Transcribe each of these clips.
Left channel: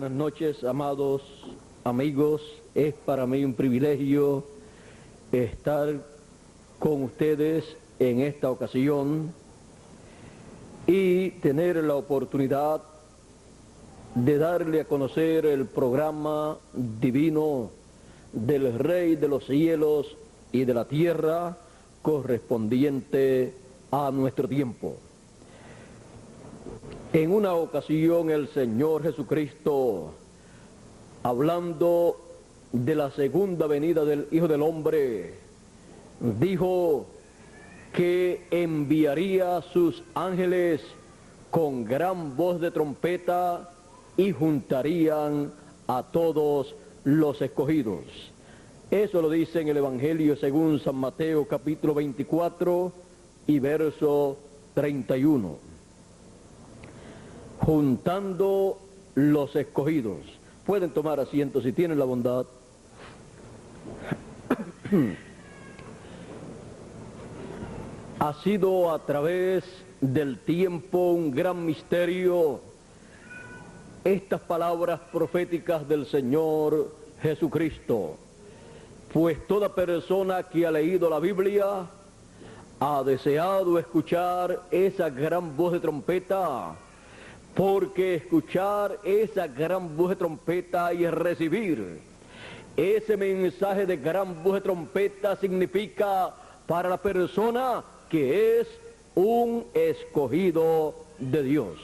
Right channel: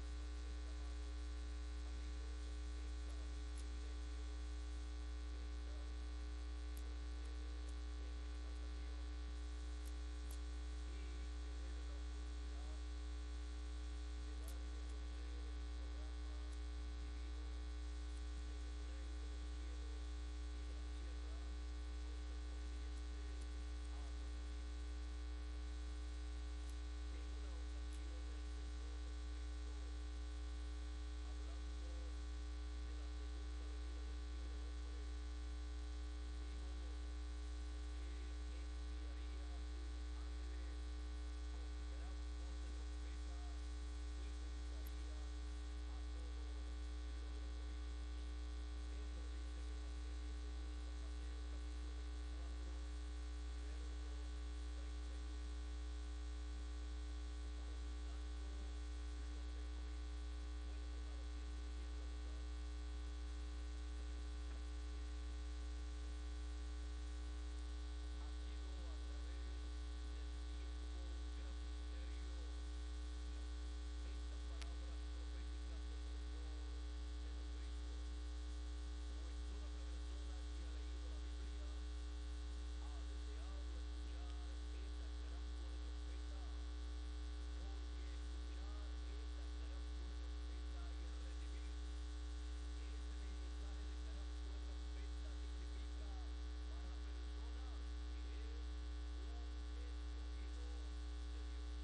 buenas noches, amados amigos. Es para mí un privilegio estar con ustedes en esta ocasión y tener la oportunidad de darle a conocer el programa divino del Rey de los cielos y de la tierra correspondiente a nuestro tiempo. En una ocasión el Señor Jesucristo, hablando de la segunda venida del Hijo del Hombre, dijo que enviaría sus ángeles con gran voz de trompeta y juntarían a todos los escogidos. Eso lo dice en el Evangelio según San Mateo capítulo 24 y verso 31. Juntando los escogidos. Pueden tomar asiento si tienen la bondad. Ha sido a través del tiempo un gran misterio estas palabras proféticas del Señor Jesucristo, pues toda persona que ha leído la Biblia ha deseado escuchar esa gran voz de trompeta, porque escuchar esa gran voz de trompeta y recibir ese mensaje de gran voz de trompeta significa para la persona que es un escogido de Dios.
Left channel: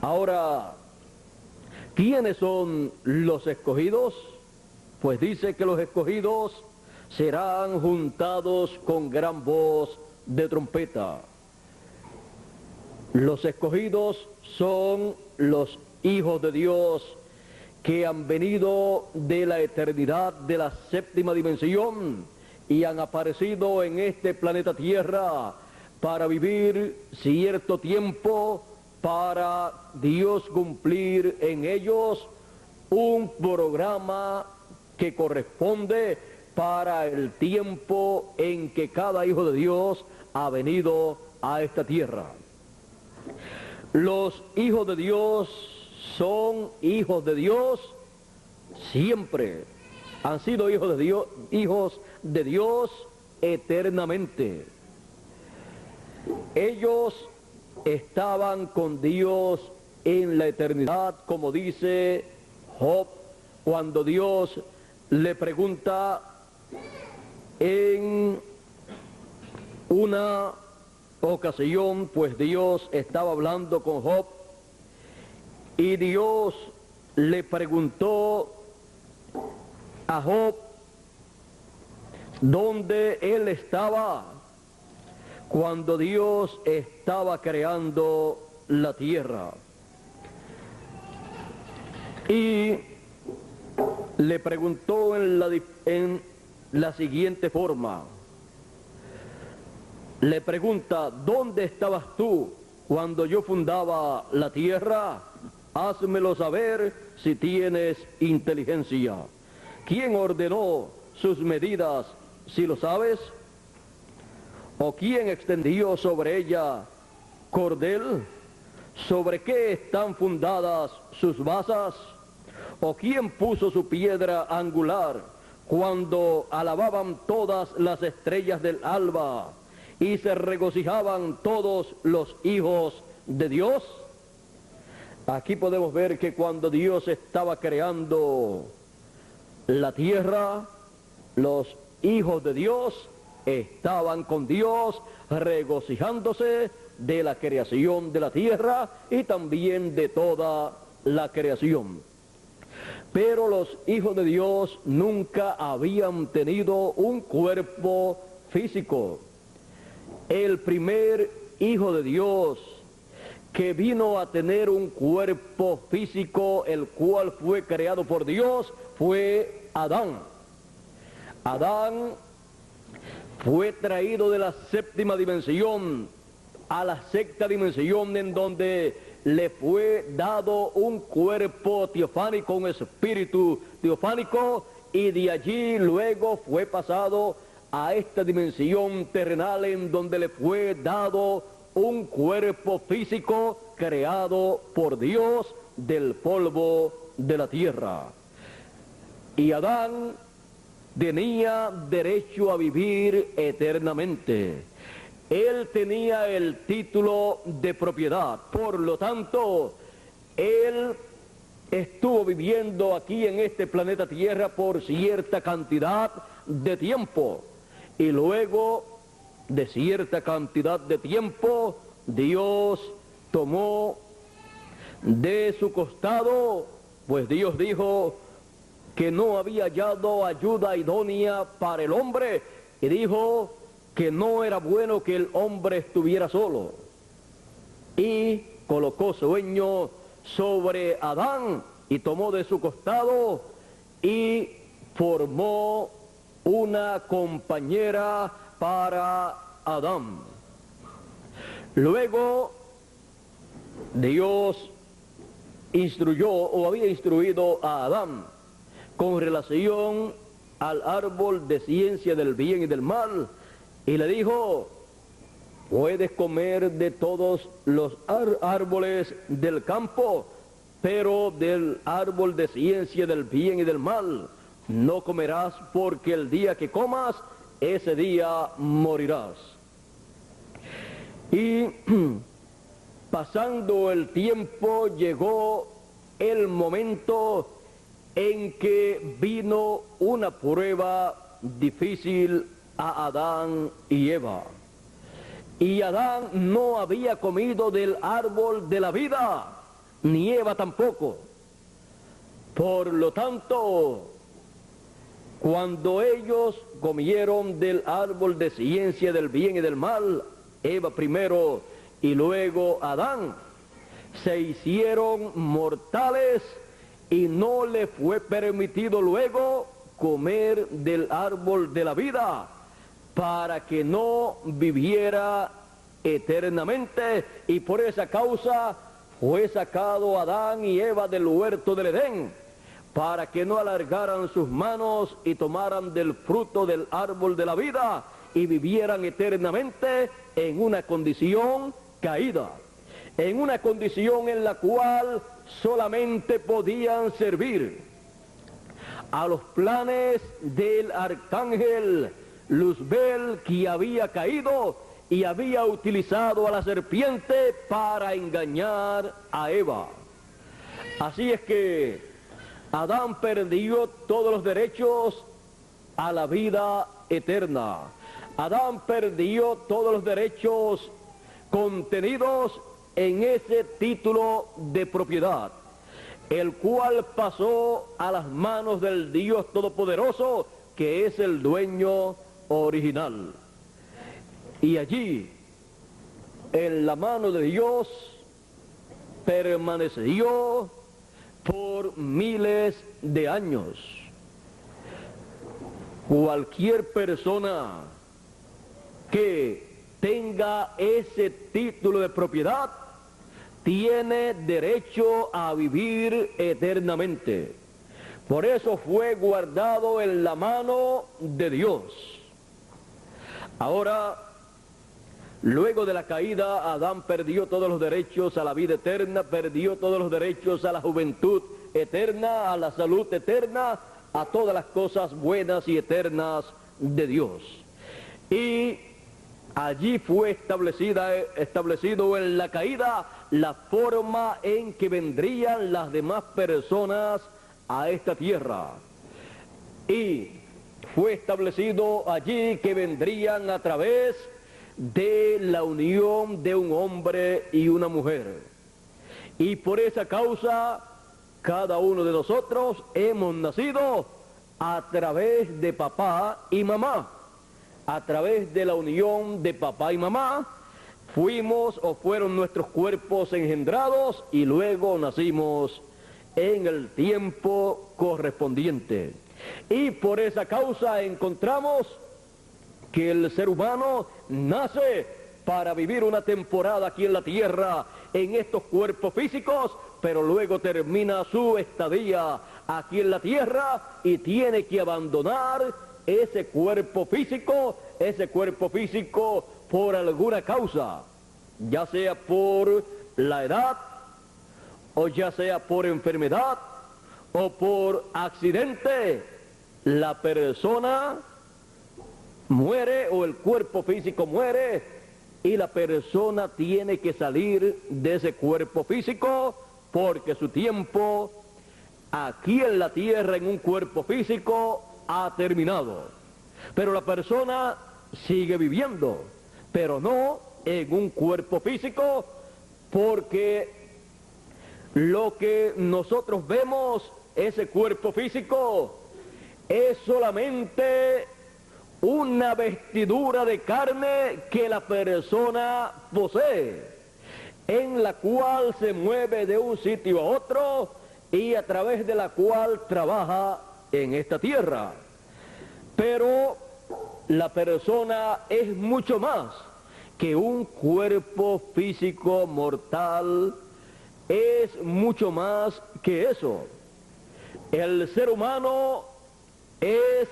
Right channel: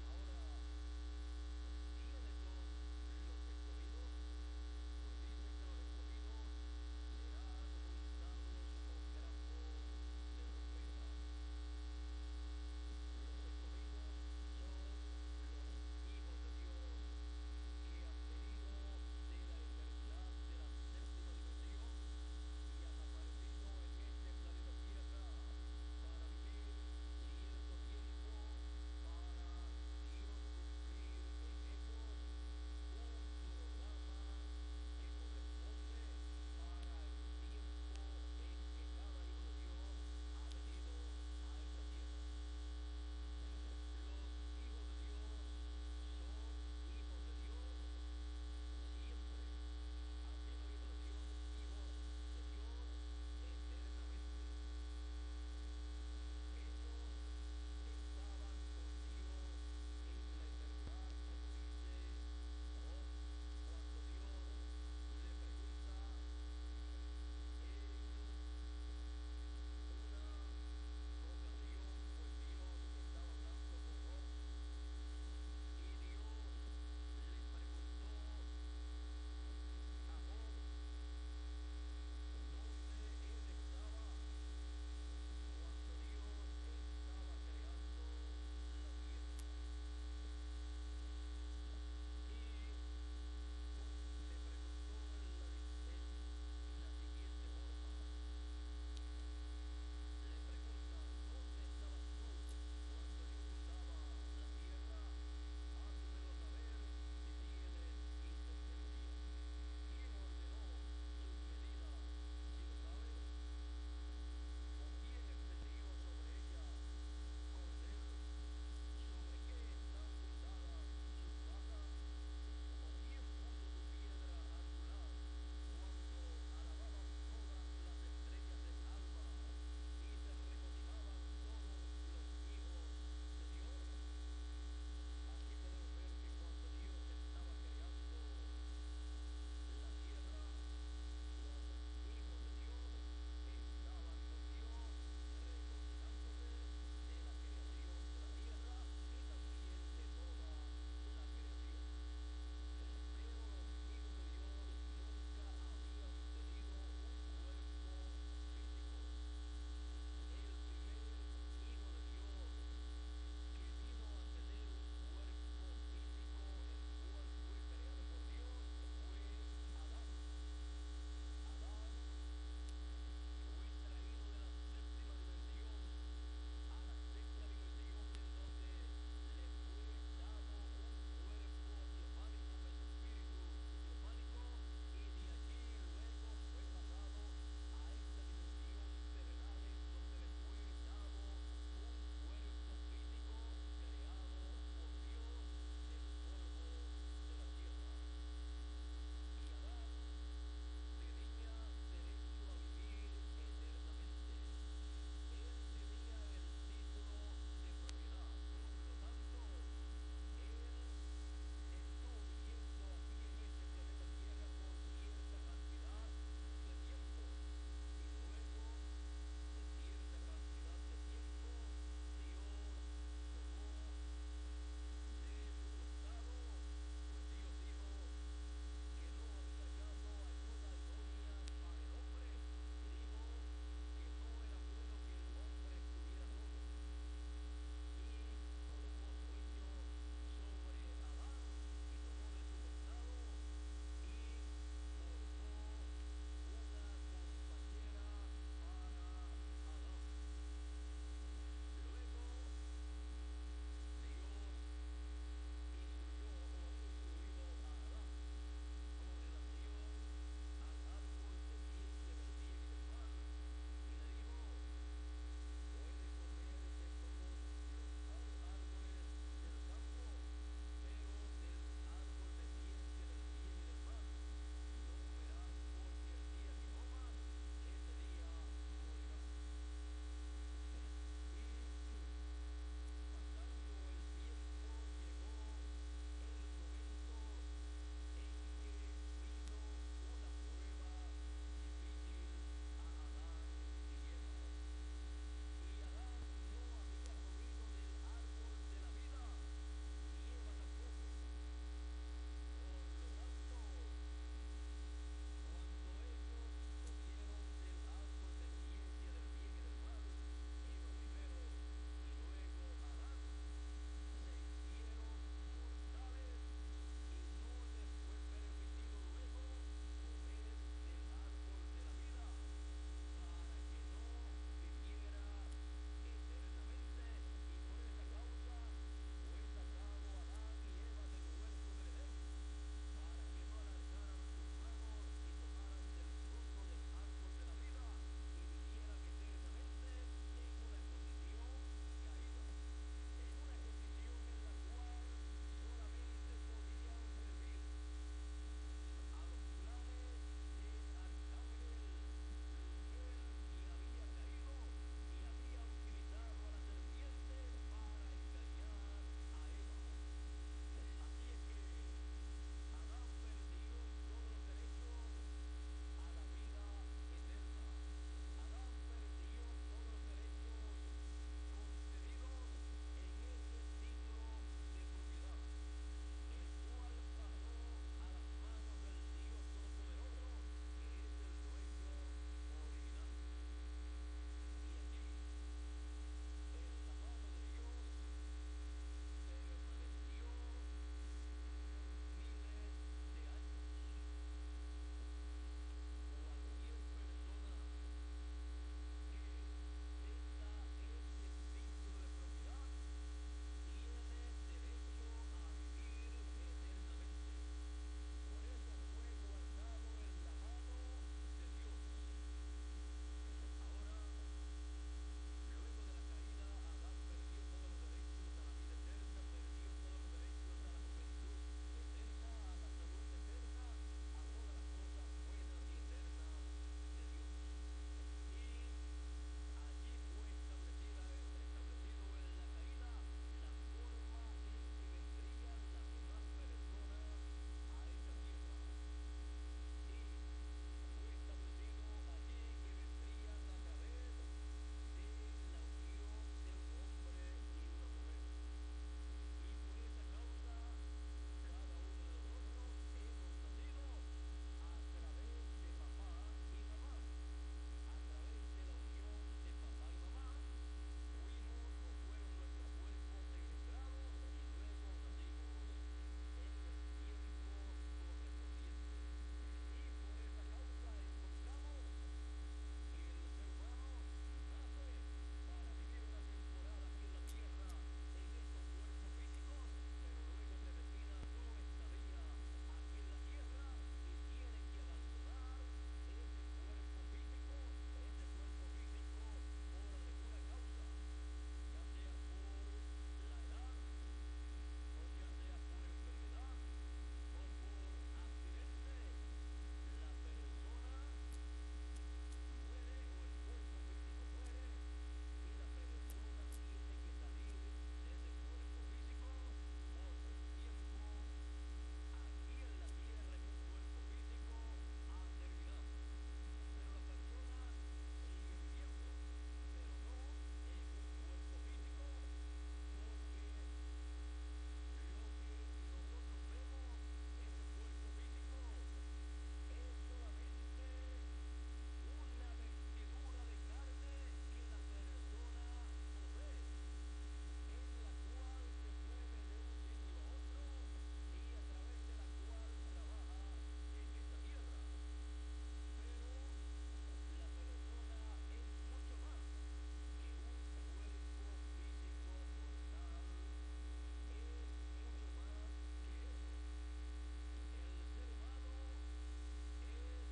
Ahora, ¿quiénes son los escogidos? Pues dice que los escogidos serán juntados con gran voz de trompeta. Los escogidos son los hijos de Dios que han venido de la eternidad de la séptima dimensión y han aparecido en este planeta Tierra para vivir cierto tiempo, para Dios cumplir en ellos un programa que corresponde para el tiempo en que cada hijo de Dios ha venido a esta tierra. Los hijos de Dios son hijos de Dios siempre. Han sido hijos de Dios eternamente. Ellos estaban con Dios en la eternidad, como dice Job, cuando Dios le pregunta en una ocasión, pues Dios estaba hablando con Job y Dios le preguntó a Job dónde él estaba cuando Dios estaba creando la tierra. Y le preguntó en la siguiente forma. Le pregunta, ¿dónde estabas tú cuando yo fundaba la tierra? Házmelo saber si tienes inteligencia. ¿Quién ordenó sus medidas, si lo sabes? ¿O quién extendió sobre ella cordel? ¿Sobre qué están fundadas sus basas? ¿O quién puso su piedra angular cuando alababan todas las estrellas del alba y se regocijaban todos los hijos de Dios? Aquí podemos ver que cuando Dios estaba creando la tierra, los hijos de Dios estaban con Dios regocijándose de la creación de la tierra y también de toda la creación. Pero los hijos de Dios nunca habían tenido un cuerpo físico. El primer hijo de Dios que vino a tener un cuerpo físico, el cual fue creado por Dios, fue Adán. Adán fue traído de la séptima dimensión a la sexta dimensión, en donde le fue dado un cuerpo teofánico, un espíritu teofánico, y de allí luego fue pasado a esta dimensión terrenal, en donde le fue dado un cuerpo físico creado por Dios del polvo de la tierra. Y Adán tenía derecho a vivir eternamente. Él tenía el título de propiedad, por lo tanto, él estuvo viviendo aquí en este planeta Tierra por cierta cantidad de tiempo. Y luego de cierta cantidad de tiempo, Dios tomó de su costado, pues Dios dijo que no había hallado ayuda idónea para el hombre, y dijo que no era bueno que el hombre estuviera solo. Y colocó sueño sobre Adán, y tomó de su costado y formó una compañera para Adán. Luego Dios instruyó o había instruido a Adán con relación al árbol de ciencia del bien y del mal, y le dijo: puedes comer de todos los árboles del campo, pero del árbol de ciencia del bien y del mal no comerás, porque el día que comas, ese día morirás. Y pasando el tiempo, llegó el momento en que vino una prueba difícil a Adán y Eva. Y Adán no había comido del árbol de la vida, ni Eva tampoco. Por lo tanto, cuando ellos comieron del árbol de ciencia del bien y del mal, Eva primero y luego Adán, se hicieron mortales y no le fue permitido luego comer del árbol de la vida, para que no viviera eternamente, y por esa causa fue sacado Adán y Eva del huerto del Edén, para que no alargaran sus manos y tomaran del fruto del árbol de la vida y vivieran eternamente en una condición caída, en una condición en la cual solamente podían servir a los planes del arcángel Luzbel, que había caído y había utilizado a la serpiente para engañar a Eva. Así es que Adán perdió todos los derechos a la vida eterna. Adán perdió todos los derechos contenidos en ese título de propiedad, el cual pasó a las manos del Dios Todopoderoso, que es el dueño original. Y allí, en la mano de Dios, permaneció por miles de años. Cualquier persona que tenga ese título de propiedad tiene derecho a vivir eternamente. Por eso fue guardado en la mano de Dios. Ahora, luego de la caída, Adán perdió todos los derechos a la vida eterna, perdió todos los derechos a la juventud eterna, a la salud eterna, a todas las cosas buenas y eternas de Dios. Y allí fue establecido en la caída la forma en que vendrían las demás personas a esta tierra. Y fue establecido allí que vendrían a través de la unión de un hombre y una mujer. Y por esa causa, cada uno de nosotros hemos nacido a través de papá y mamá. A través de la unión de papá y mamá, fuimos o fueron nuestros cuerpos engendrados y luego nacimos en el tiempo correspondiente. Y por esa causa encontramos que el ser humano nace para vivir una temporada aquí en la tierra, en estos cuerpos físicos, pero luego termina su estadía aquí en la tierra y tiene que abandonar ese cuerpo físico por alguna causa, ya sea por la edad, o ya sea por enfermedad, o por accidente, la persona muere o el cuerpo físico muere y la persona tiene que salir de ese cuerpo físico porque su tiempo aquí en la tierra en un cuerpo físico ha terminado. Pero la persona sigue viviendo, pero no en un cuerpo físico, porque lo que nosotros vemos, ese cuerpo físico, es solamente una vestidura de carne que la persona posee, en la cual se mueve de un sitio a otro y a través de la cual trabaja en esta tierra. Pero la persona es mucho más que un cuerpo físico mortal, es mucho más que eso. El ser humano es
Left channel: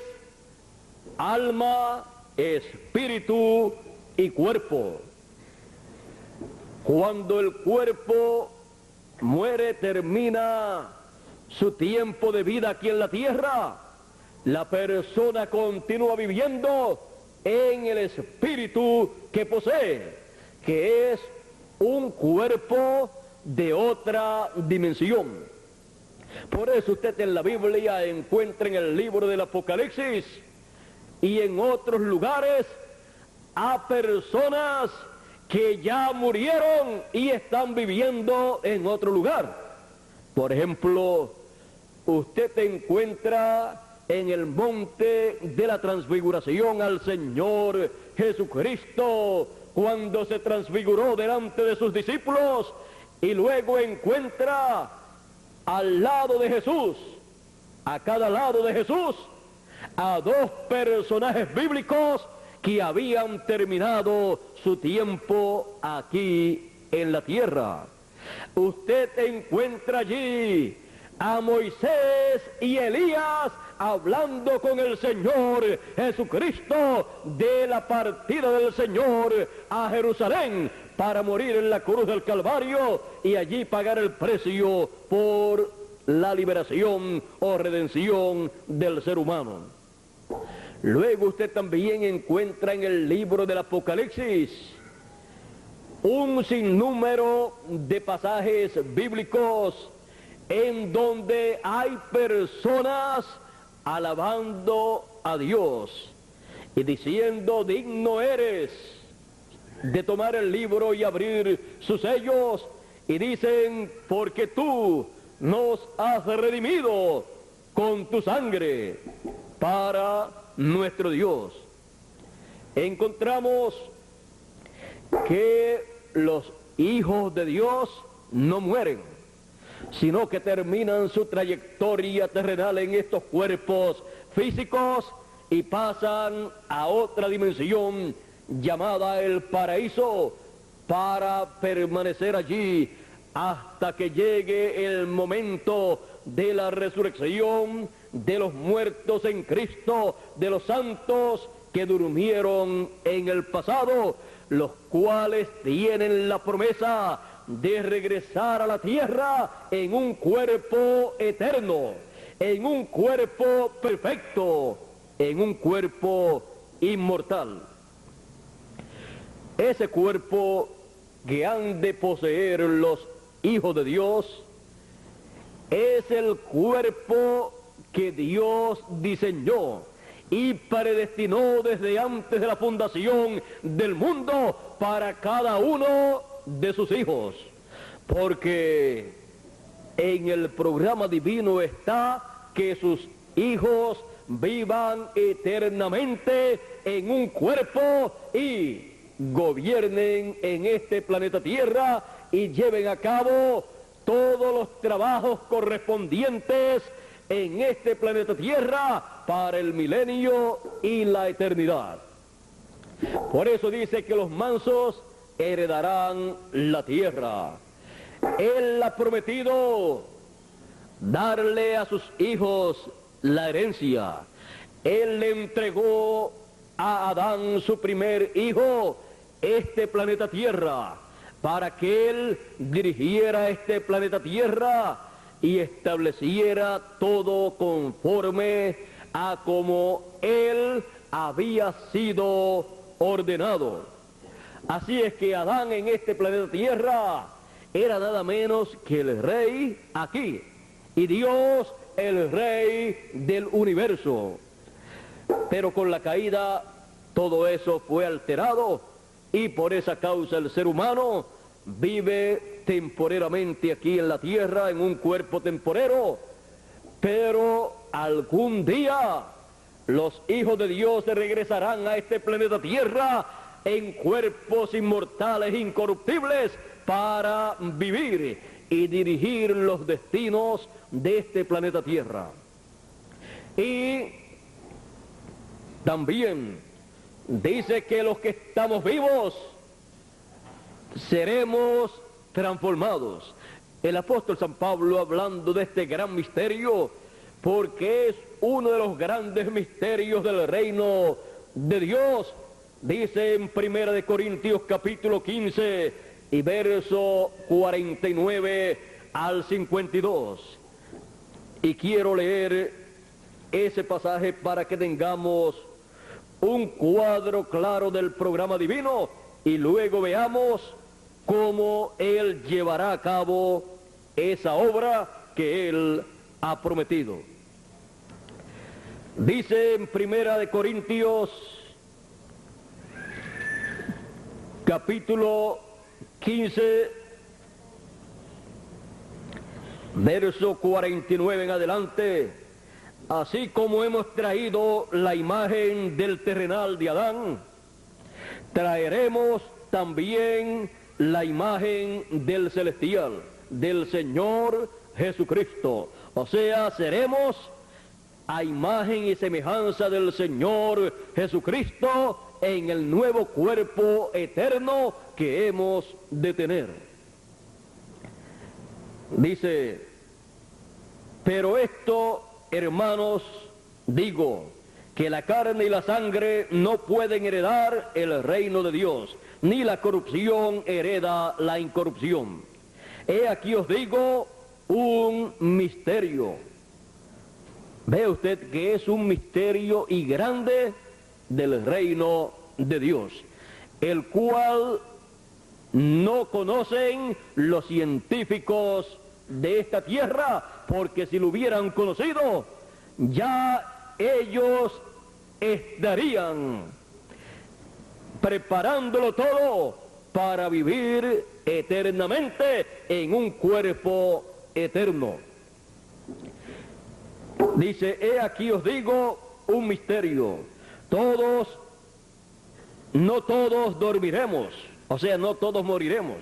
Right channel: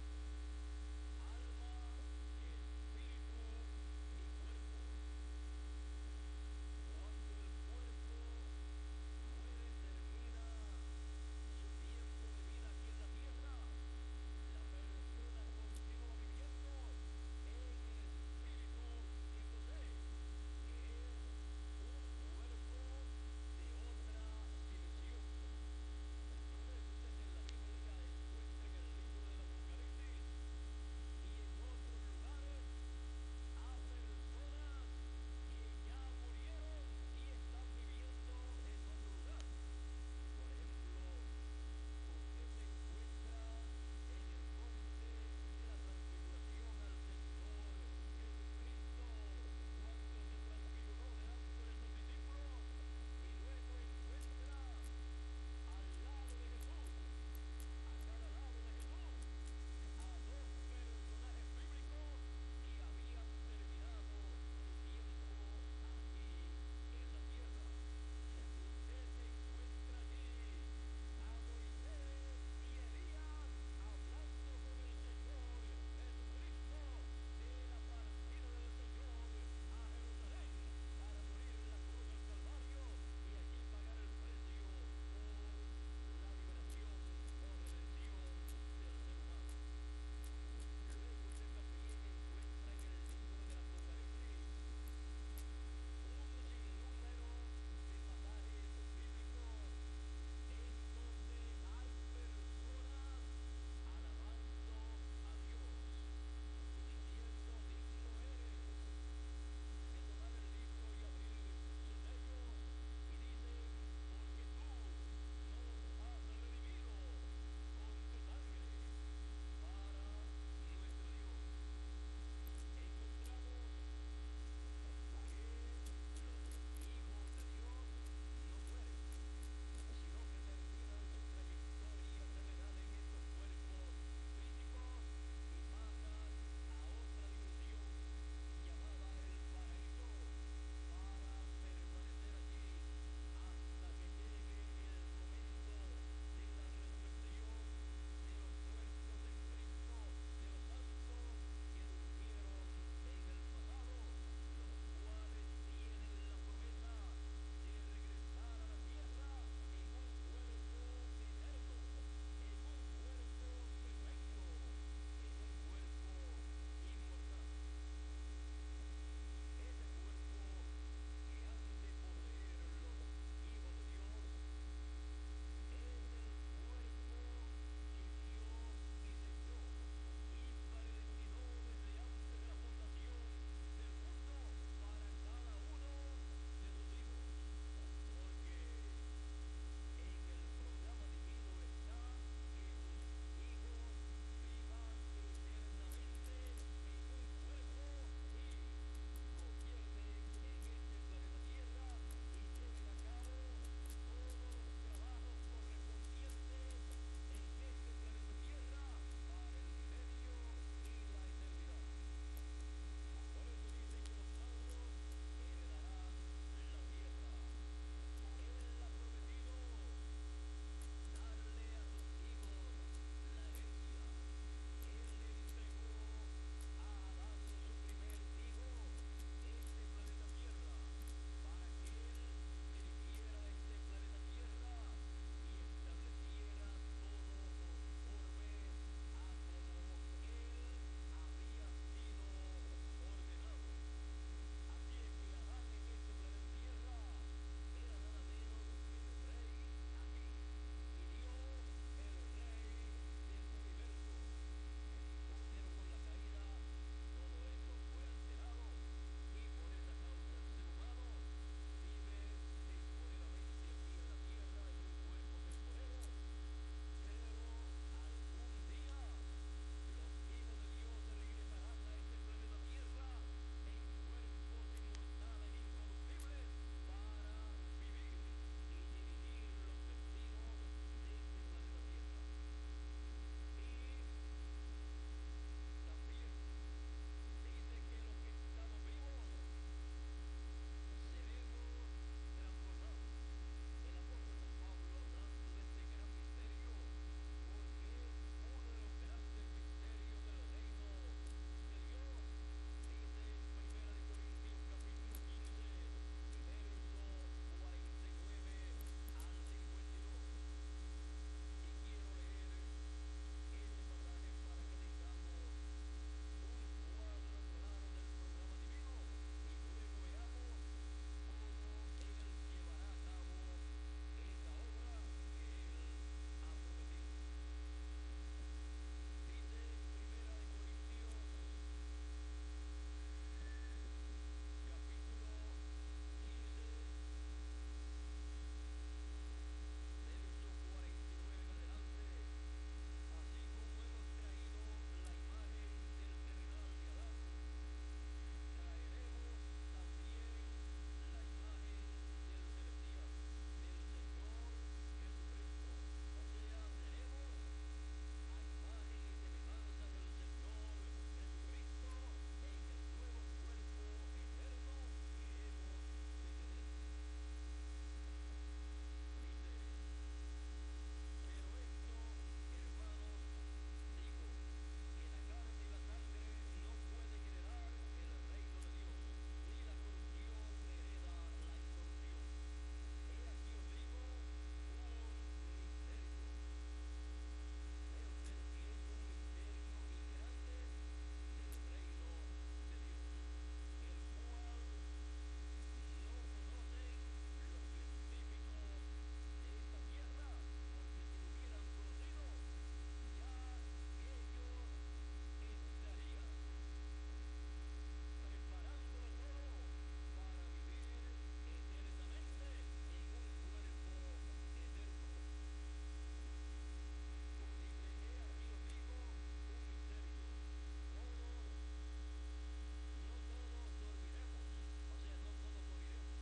alma, espíritu y cuerpo. Cuando el cuerpo muere, termina su tiempo de vida aquí en la tierra, la persona continúa viviendo en el espíritu que posee, que es un cuerpo de otra dimensión. Por eso usted en la Biblia encuentra en el libro del Apocalipsis y en otros lugares a personas que ya murieron y están viviendo en otro lugar. Por ejemplo, usted encuentra en el monte de la transfiguración al Señor Jesucristo cuando se transfiguró delante de sus discípulos, y luego encuentra al lado de Jesús, a cada lado de Jesús, a dos personajes bíblicos que habían terminado su tiempo aquí en la tierra. Usted encuentra allí a Moisés y Elías hablando con el Señor Jesucristo de la partida del Señor a Jerusalén para morir en la cruz del Calvario y allí pagar el precio por la liberación o redención del ser humano. Luego usted también encuentra en el libro del Apocalipsis un sinnúmero de pasajes bíblicos en donde hay personas alabando a Dios y diciendo: digno eres de tomar el libro y abrir sus sellos, y dicen: porque tú nos has redimido con tu sangre para nuestro Dios. Encontramos que los hijos de Dios no mueren, sino que terminan su trayectoria terrenal en estos cuerpos físicos y pasan a otra dimensión llamada el paraíso para permanecer allí hasta que llegue el momento de la resurrección de los muertos en Cristo, de los santos que durmieron en el pasado, los cuales tienen la promesa de regresar a la tierra en un cuerpo eterno, en un cuerpo perfecto, en un cuerpo inmortal. Ese cuerpo que han de poseer los hijos de Dios es el cuerpo que Dios diseñó y predestinó desde antes de la fundación del mundo para cada uno de sus hijos, porque en el programa divino está que sus hijos vivan eternamente en un cuerpo y gobiernen en este planeta Tierra y lleven a cabo todos los trabajos correspondientes en este planeta Tierra para el milenio y la eternidad. Por eso dice que los mansos heredarán la tierra. Él ha prometido darle a sus hijos la herencia. Él le entregó a Adán, su primer hijo, este planeta Tierra, para que él dirigiera este planeta Tierra y estableciera todo conforme a como él había sido ordenado. Así es que Adán en este planeta Tierra era nada menos que el rey aquí, y Dios el rey del universo. Pero con la caída todo eso fue alterado, y por esa causa el ser humano vive temporeramente aquí en la tierra en un cuerpo temporero, pero algún día los hijos de Dios regresarán a este planeta Tierra en cuerpos inmortales, incorruptibles, para vivir y dirigir los destinos de este planeta Tierra. Y también dice que los que estamos vivos seremos transformados. El apóstol San Pablo, hablando de este gran misterio, porque es uno de los grandes misterios del reino de Dios, dice en 1 Corintios capítulo 15 y verso 49 al 52. Y quiero leer ese pasaje para que tengamos un cuadro claro del programa divino y luego veamos cómo Él llevará a cabo esa obra que Él ha prometido. Dice en 1 Corintios capítulo 15 verso 49 en adelante: así como hemos traído la imagen del terrenal de Adán, traeremos también la imagen del celestial, del Señor Jesucristo. O sea, seremos a imagen y semejanza del Señor Jesucristo en el nuevo cuerpo eterno que hemos de tener. Dice: pero esto, hermanos, digo, que la carne y la sangre no pueden heredar el reino de Dios, ni la corrupción hereda la incorrupción. He aquí os digo un misterio. Ve usted que es un misterio y grande del reino de Dios, el cual no conocen los científicos de esta tierra, porque si lo hubieran conocido, ya ellos estarían preparándolo todo para vivir eternamente en un cuerpo eterno. Dice: he aquí os digo un misterio. No todos dormiremos, o sea, no todos moriremos,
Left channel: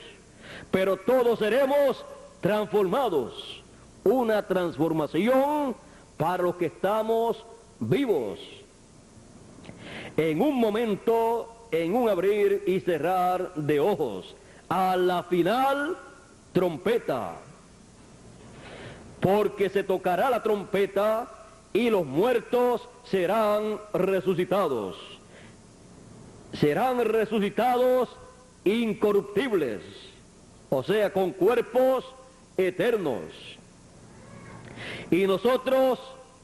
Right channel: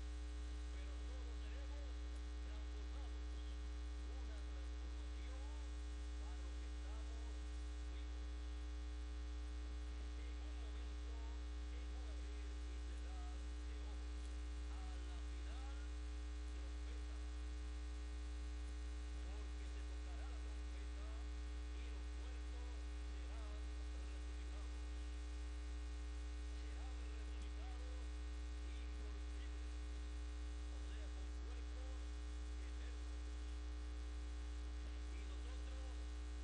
pero todos seremos transformados. Una transformación para los que estamos vivos. En un momento, en un abrir y cerrar de ojos, a la final trompeta, porque se tocará la trompeta y los muertos serán resucitados. Serán resucitados incorruptibles, o sea, con cuerpos eternos. Y nosotros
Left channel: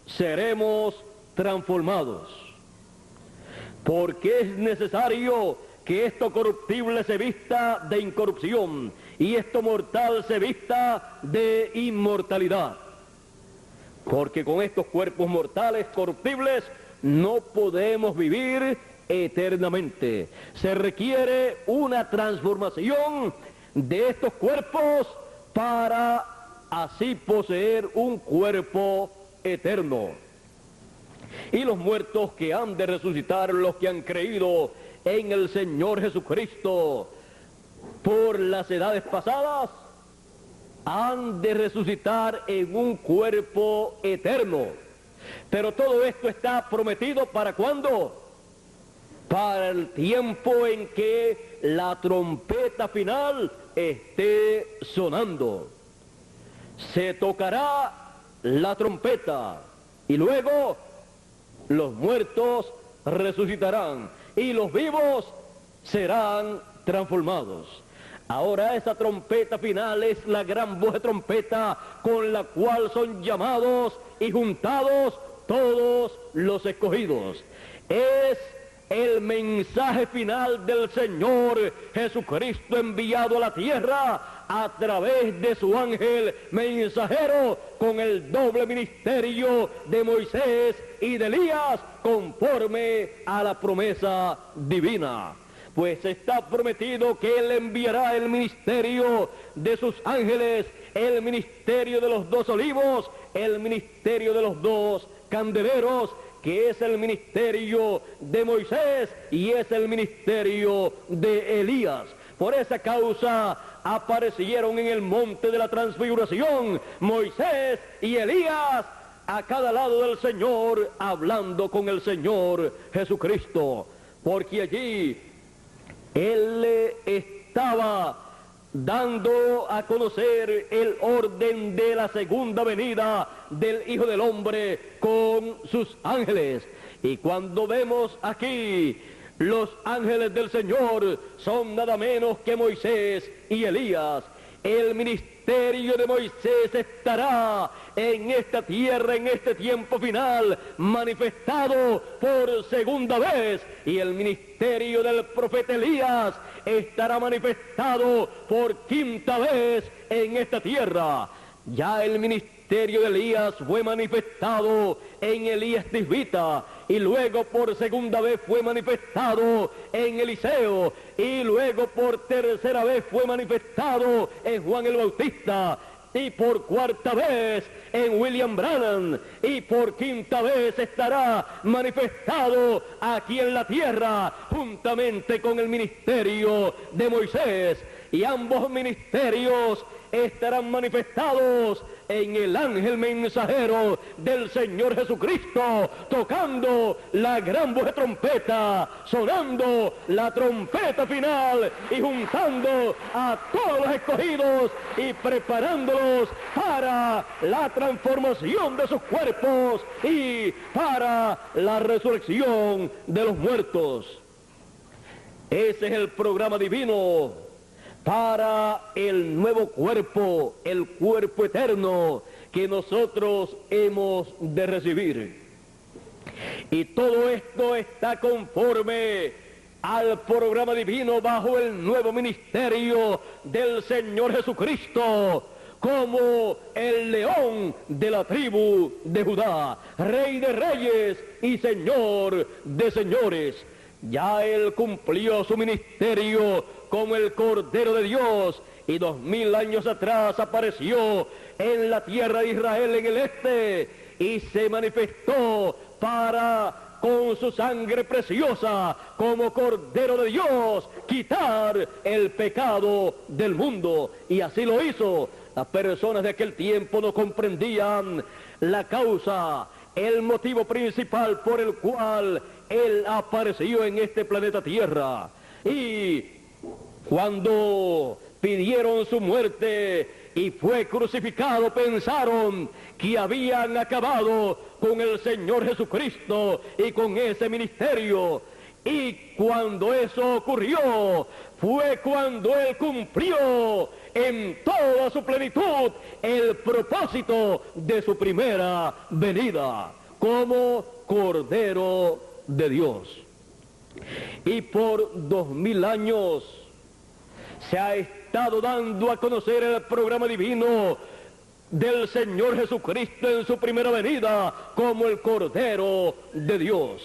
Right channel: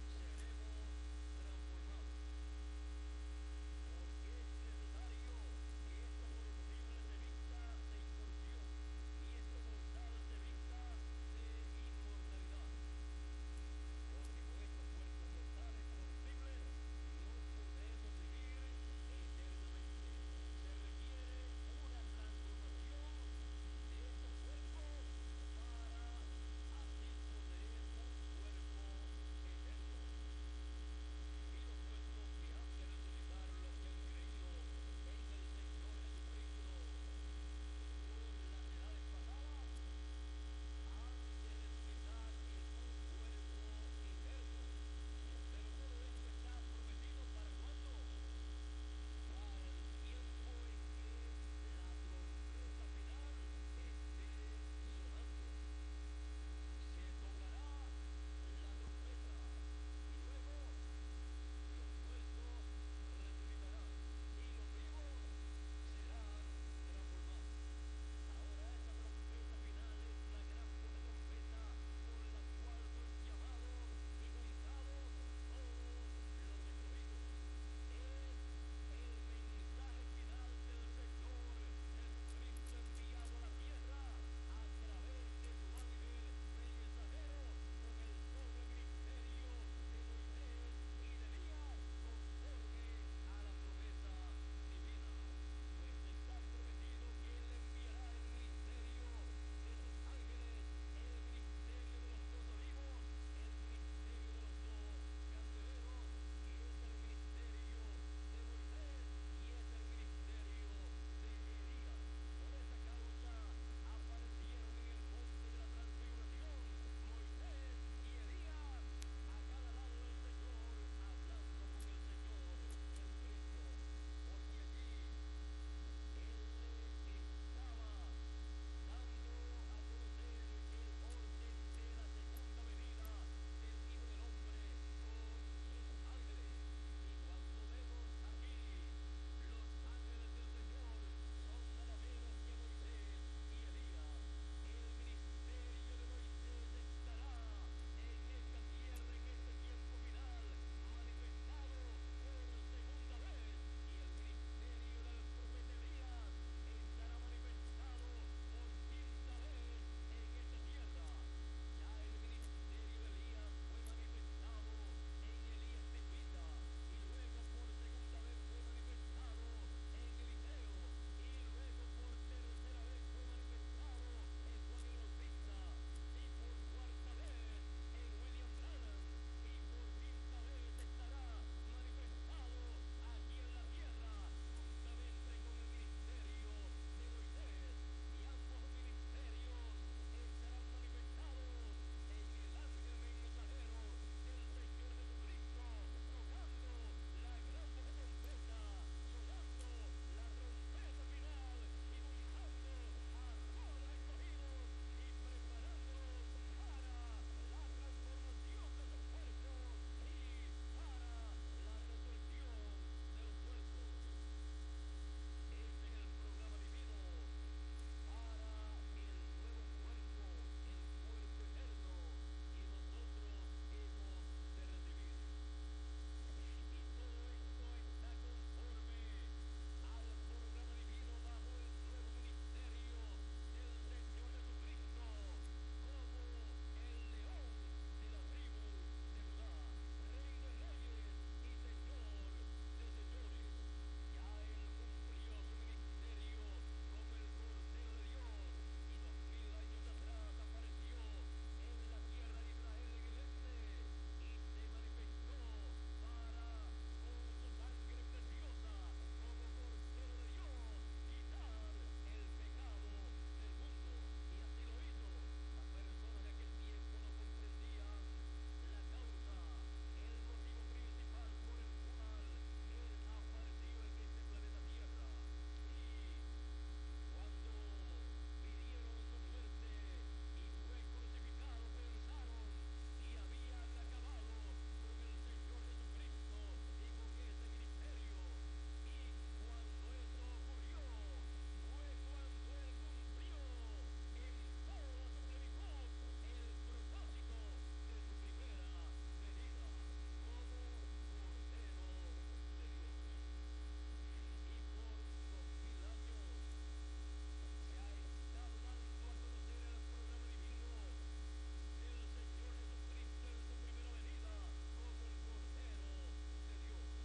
seremos transformados, porque es necesario que esto corruptible se vista de incorrupción y esto mortal se vista de inmortalidad, porque con estos cuerpos mortales corruptibles no podemos vivir eternamente. Se requiere una transformación de estos cuerpos para así poseer un cuerpo eterno. Y los muertos que han de resucitar, los que han creído en el Señor Jesucristo por las edades pasadas, han de resucitar en un cuerpo eterno. Pero todo esto está prometido ¿para cuándo? Para el tiempo en que la trompeta final esté sonando. Se tocará la trompeta y luego los muertos resucitarán y los vivos serán transformados. Ahora esa trompeta final es la gran voz de trompeta con la cual son llamados y juntados todos los escogidos. Es el mensaje final del Señor Jesucristo enviado a la tierra a través de su ángel mensajero con el doble ministerio de Moisés y de Elías conforme a la promesa divina. Pues está prometido que Él enviará el ministerio de sus ángeles, el ministerio de los 2 olivos, el ministerio de los 2 candeleros, que es el ministerio de Moisés y es el ministerio de Elías. Por esa causa aparecieron en el monte de la transfiguración Moisés y Elías a cada lado del Señor, hablando con el Señor Jesucristo, porque allí Él le estaba dando a conocer el orden de la segunda venida del Hijo del Hombre con sus ángeles. Y cuando vemos aquí los ángeles del Señor son nada menos que Moisés y Elías. El ministerio de Moisés estará en esta tierra, en este tiempo final, manifestado por segunda vez, y el ministerio del profeta Elías estará manifestado por quinta vez en esta tierra. Ya el ministerio de Elías fue manifestado en Elías Tisbita, y luego por segunda vez fue manifestado en Eliseo, y luego por tercera vez fue manifestado en Juan el Bautista, y por cuarta vez en William Branham, y por quinta vez estará manifestado aquí en la tierra juntamente con el ministerio de Moisés, y ambos ministerios estarán manifestados en el ángel mensajero del Señor Jesucristo, tocando la gran voz de trompeta, sonando la trompeta final y juntando a todos los escogidos y preparándolos para la transformación de sus cuerpos y para la resurrección de los muertos. Ese es el programa divino para el nuevo cuerpo, el cuerpo eterno que nosotros hemos de recibir. Y todo esto está conforme al programa divino bajo el nuevo ministerio del Señor Jesucristo, como el león de la tribu de Judá, Rey de reyes y Señor de señores. Ya Él cumplió su ministerio como el Cordero de Dios, y 2000 años atrás apareció en la tierra de Israel en el este, y se manifestó para, con su sangre preciosa, como Cordero de Dios, quitar el pecado del mundo. Y así lo hizo. Las personas de aquel tiempo no comprendían la causa, el motivo principal por el cual Él apareció en este planeta Tierra. Y cuando pidieron su muerte y fue crucificado, pensaron que habían acabado con el Señor Jesucristo y con ese ministerio. Y cuando eso ocurrió, fue cuando Él cumplió en toda su plenitud el propósito de su primera venida como Cordero de Dios. Y por 2000 años se ha estado dando a conocer el programa divino del Señor Jesucristo en su primera venida como el Cordero de Dios.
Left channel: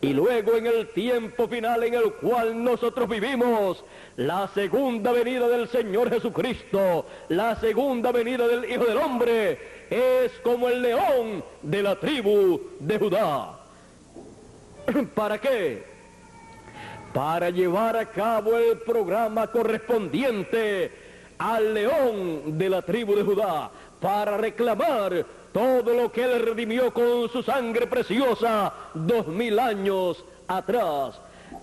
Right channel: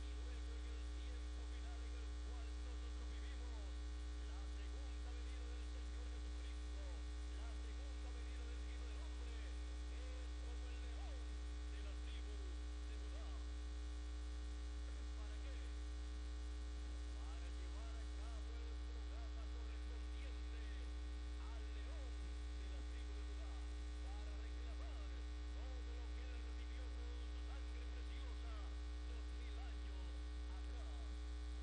Y luego en el tiempo final en el cual nosotros vivimos, la segunda venida del Señor Jesucristo, la segunda venida del Hijo del Hombre, es como el león de la tribu de Judá. ¿Para qué? Para llevar a cabo el programa correspondiente al león de la tribu de Judá, para reclamar todo lo que Él redimió con su sangre preciosa 2000 años atrás.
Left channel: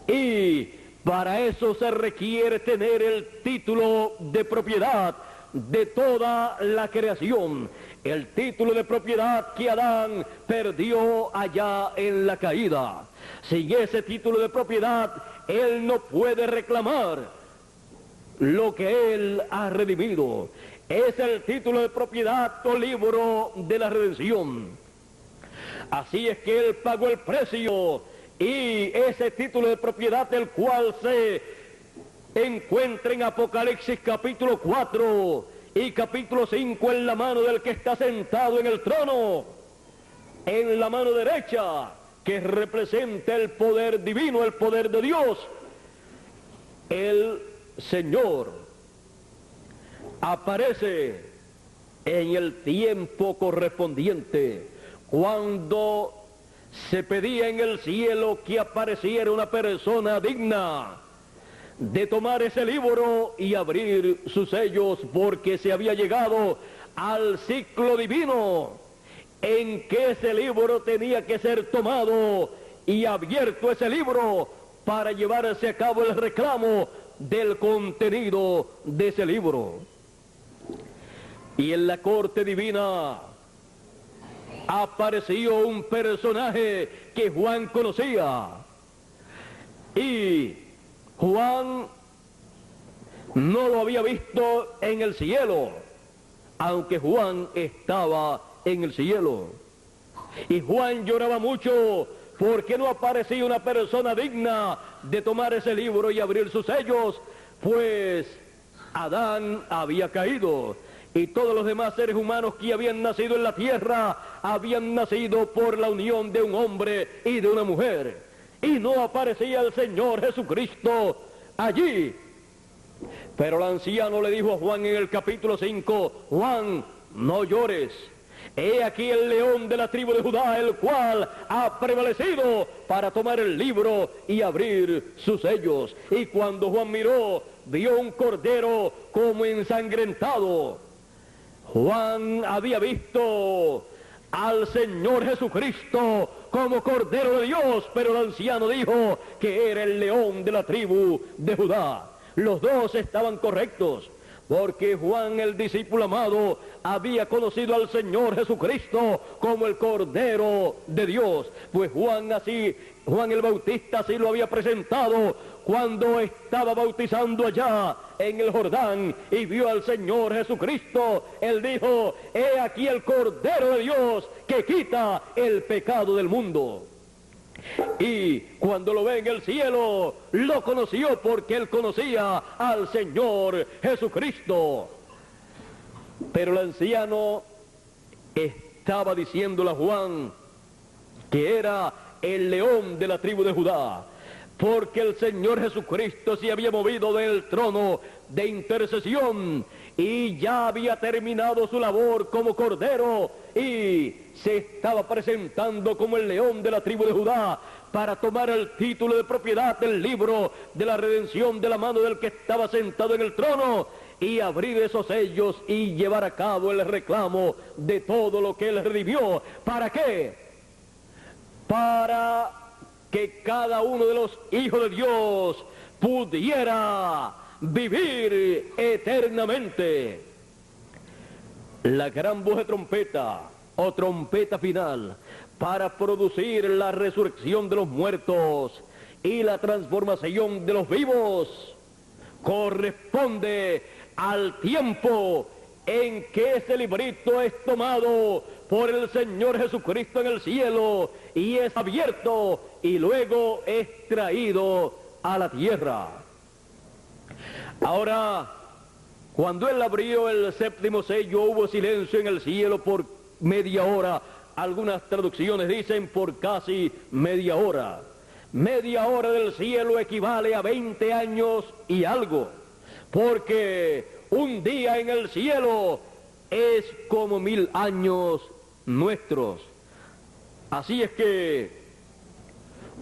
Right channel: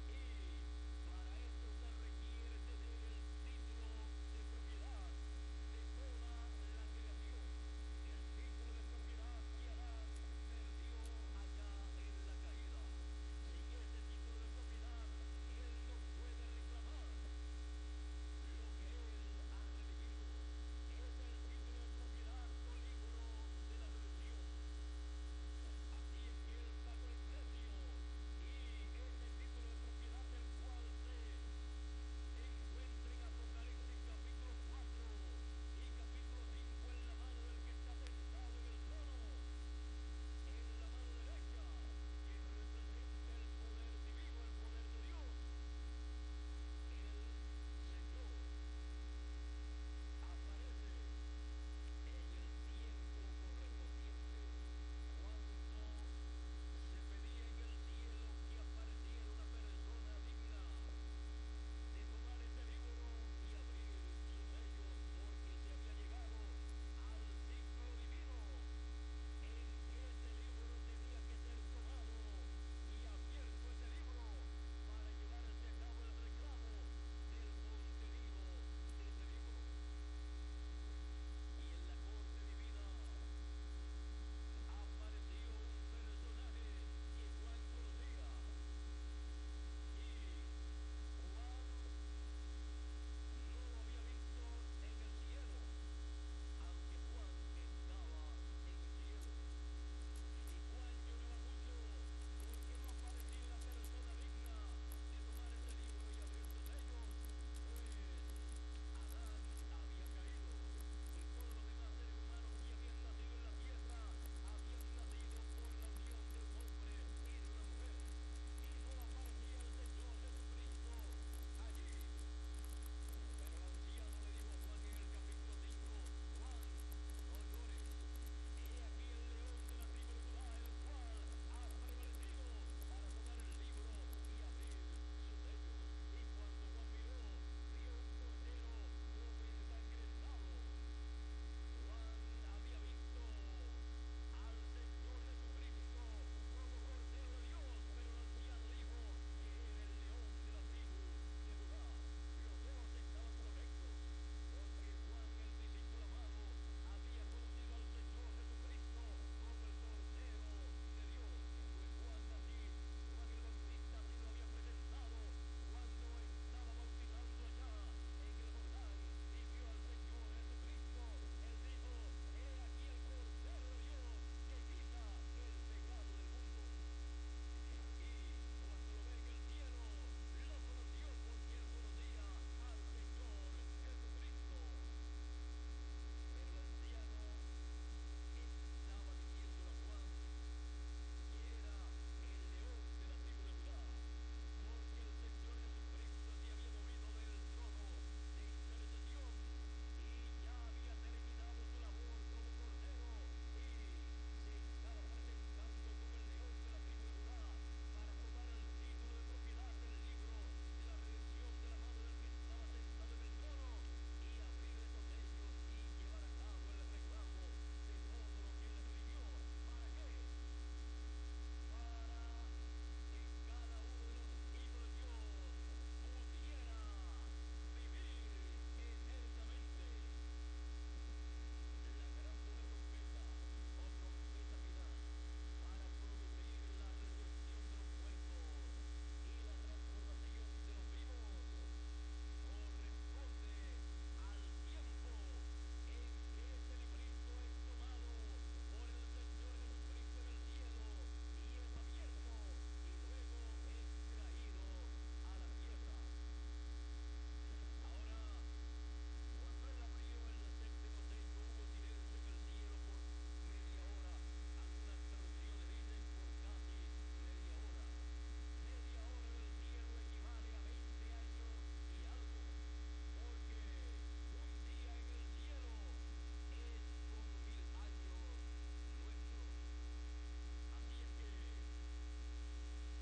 Y para eso se requiere tener el título de propiedad de toda la creación, el título de propiedad que Adán perdió allá en la caída. Sin ese título de propiedad, él no puede reclamar lo que Él ha redimido. Es el título de propiedad o libro de la redención. Así es que Él pagó el precio, y ese título de propiedad, el cual se encuentra en Apocalipsis capítulo 4 y capítulo 5, en la mano del que está sentado en el trono, en la mano derecha, que representa el poder divino, el poder de Dios. El Señor aparece en el tiempo correspondiente, cuando se pedía en el cielo que apareciera una persona digna de tomar ese libro y abrir sus sellos, porque se había llegado al ciclo divino en que ese libro tenía que ser tomado y abierto, ese libro, para llevarse a cabo el reclamo del contenido de ese libro. Y en la corte divina apareció un personaje que Juan conocía, y Juan no lo había visto en el cielo, aunque Juan estaba en el cielo. Y Juan lloraba mucho porque no aparecía una persona digna de tomar ese libro y abrir sus sellos, pues Adán había caído, y todos los demás seres humanos que habían nacido en la tierra habían nacido por la unión de un hombre y de una mujer, y no aparecía el Señor Jesucristo allí. Pero el anciano le dijo a Juan en el capítulo 5, Juan, no llores. He aquí el león de la tribu de Judá, el cual ha prevalecido para tomar el libro y abrir sus sellos. Y cuando Juan miró, vio un cordero como ensangrentado. Juan había visto al Señor Jesucristo como Cordero de Dios, pero el anciano dijo que era el león de la tribu de Judá. Los dos estaban correctos, porque Juan, el discípulo amado, había conocido al Señor Jesucristo como el Cordero de Dios, pues Juan el Bautista así lo había presentado cuando estaba bautizando allá en el Jordán y vio al Señor Jesucristo. Él dijo, he aquí el Cordero de Dios que quita el pecado del mundo. Y cuando lo ve en el cielo, lo conoció porque él conocía al Señor Jesucristo. Pero el anciano estaba diciéndole a Juan que era el león de la tribu de Judá, porque el Señor Jesucristo se había movido del trono de intercesión y ya había terminado su labor como Cordero, y se estaba presentando como el león de la tribu de Judá para tomar el título de propiedad del libro de la redención de la mano del que estaba sentado en el trono, y abrir esos sellos y llevar a cabo el reclamo de todo lo que él redimió. ¿Para qué? Para que cada uno de los hijos de Dios pudiera vivir eternamente. La gran voz de trompeta o trompeta final para producir la resurrección de los muertos y la transformación de los vivos corresponde al tiempo en que ese librito es tomado por el Señor Jesucristo en el cielo y es abierto y luego es traído a la tierra. Ahora, cuando él abrió el séptimo sello, hubo silencio en el cielo por media hora. Algunas traducciones dicen por casi media hora. Media hora del cielo equivale a 20 años y algo, porque un día en el cielo es como 1000 años nuestros. Así es que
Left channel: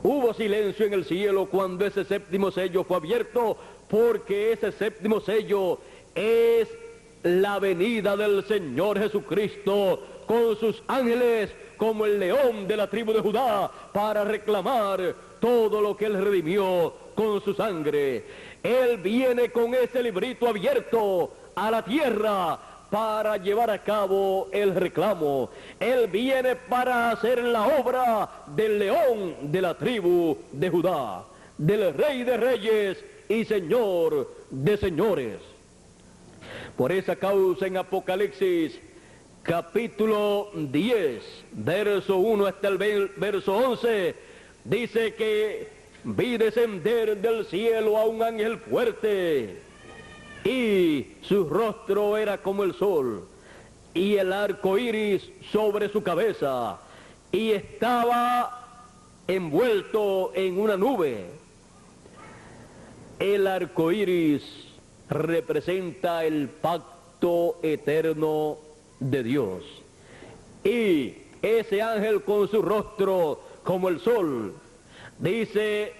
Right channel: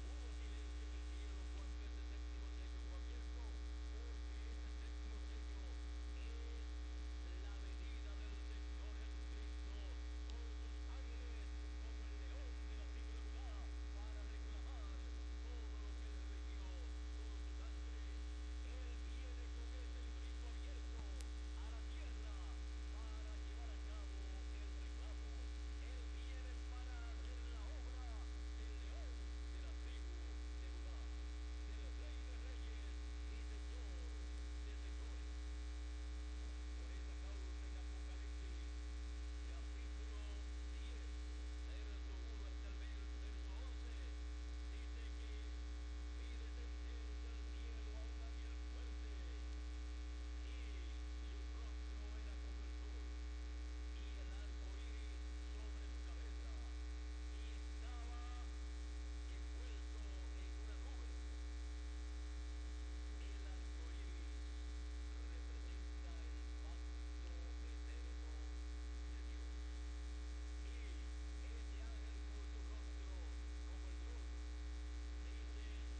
hubo silencio en el cielo cuando ese séptimo sello fue abierto, porque ese séptimo sello es la venida del Señor Jesucristo con sus ángeles como el león de la tribu de Judá para reclamar todo lo que él redimió con su sangre. Él viene con ese librito abierto a la tierra para llevar a cabo el reclamo. Él viene para hacer la obra del león de la tribu de Judá, del Rey de Reyes y Señor de señores. Por esa causa en Apocalipsis capítulo 10, verso 1 hasta el verso 11, dice que vi descender del cielo a un ángel fuerte, y su rostro era como el sol, y el arco iris sobre su cabeza, y estaba envuelto en una nube. El arco iris representa el pacto eterno de Dios. Y ese ángel con su rostro como el sol, dice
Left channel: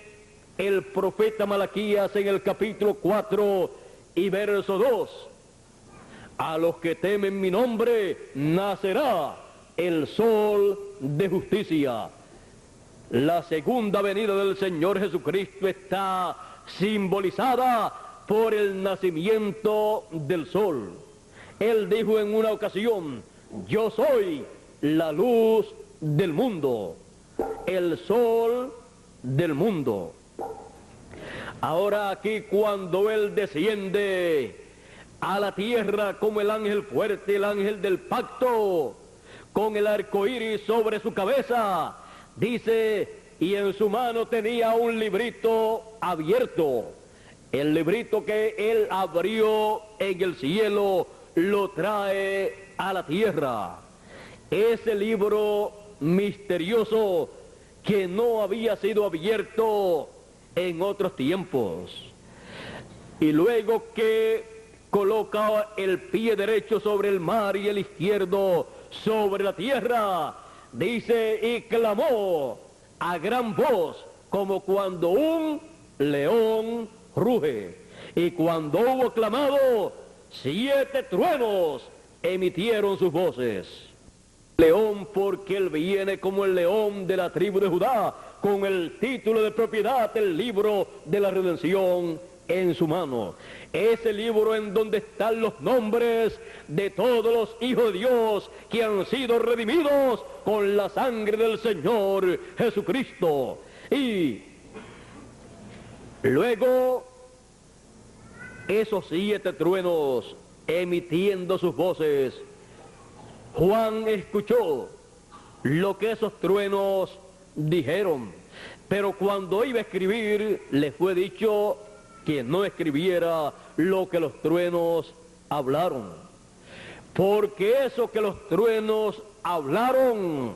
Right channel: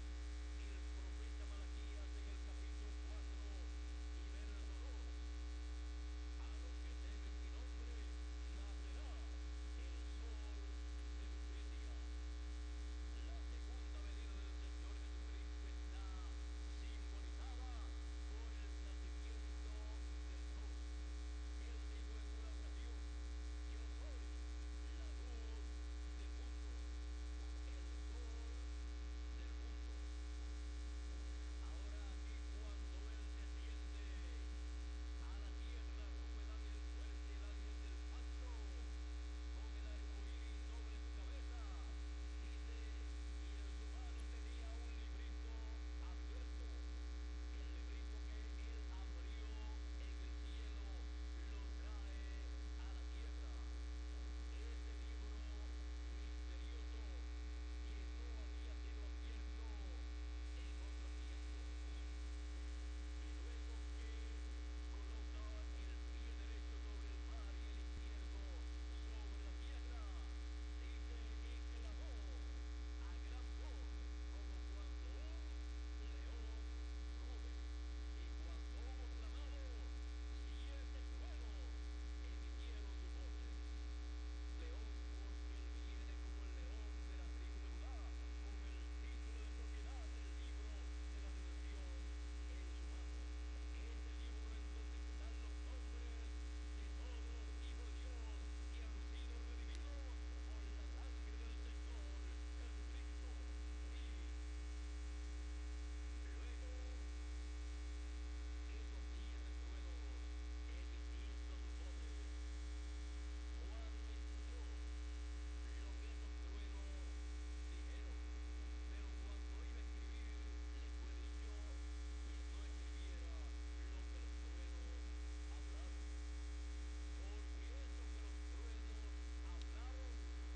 el profeta Malaquías en el capítulo 4 y verso 2, a los que temen mi nombre nacerá el sol de justicia. La segunda venida del Señor Jesucristo está simbolizada por el nacimiento del sol. Él dijo en una ocasión: yo soy la luz del mundo, el sol del mundo. Ahora aquí, cuando Él desciende a la tierra como el ángel fuerte, el ángel del pacto, con el arco iris sobre su cabeza, dice, y en su mano tenía un librito abierto. El librito que Él abrió en el cielo lo trae a la tierra. Ese libro misterioso que no había sido abierto en otros tiempos. Y luego que coloca el pie derecho sobre el mar y el izquierdo sobre la tierra, dice, y clamó a gran voz como cuando un león ruge. Y cuando hubo clamado, 7 truenos emitieron sus voces. León, porque él viene como el león de la tribu de Judá, con el título de propiedad del libro de la redención en su mano. Ese libro en donde están los nombres de todos los hijos de Dios que han sido redimidos con la sangre del Señor Jesucristo. Y luego esos 7 truenos emitiendo sus voces, Juan escuchó lo que esos truenos dijeron, pero cuando iba a escribir le fue dicho que no escribiera lo que los truenos hablaron, porque eso que los truenos hablaron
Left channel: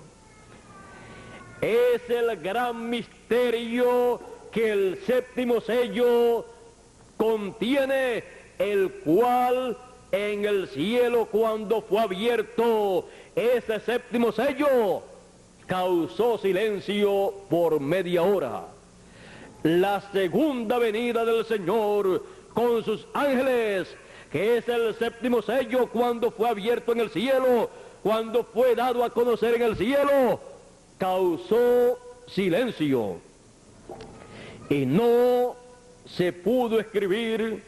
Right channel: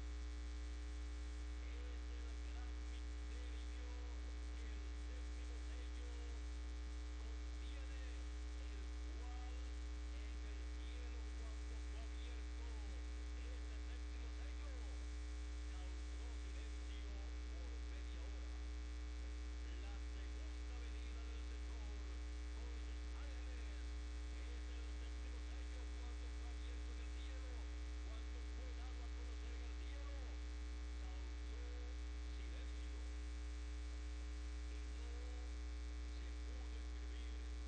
es el gran misterio que el 7º sello contiene, el cual en el cielo, cuando fue abierto ese 7º sello, causó silencio por media hora. La segunda venida del Señor con sus ángeles, que es el 7º sello, cuando fue abierto en el cielo, cuando fue dado a conocer en el cielo, causó silencio. Y no se pudo escribir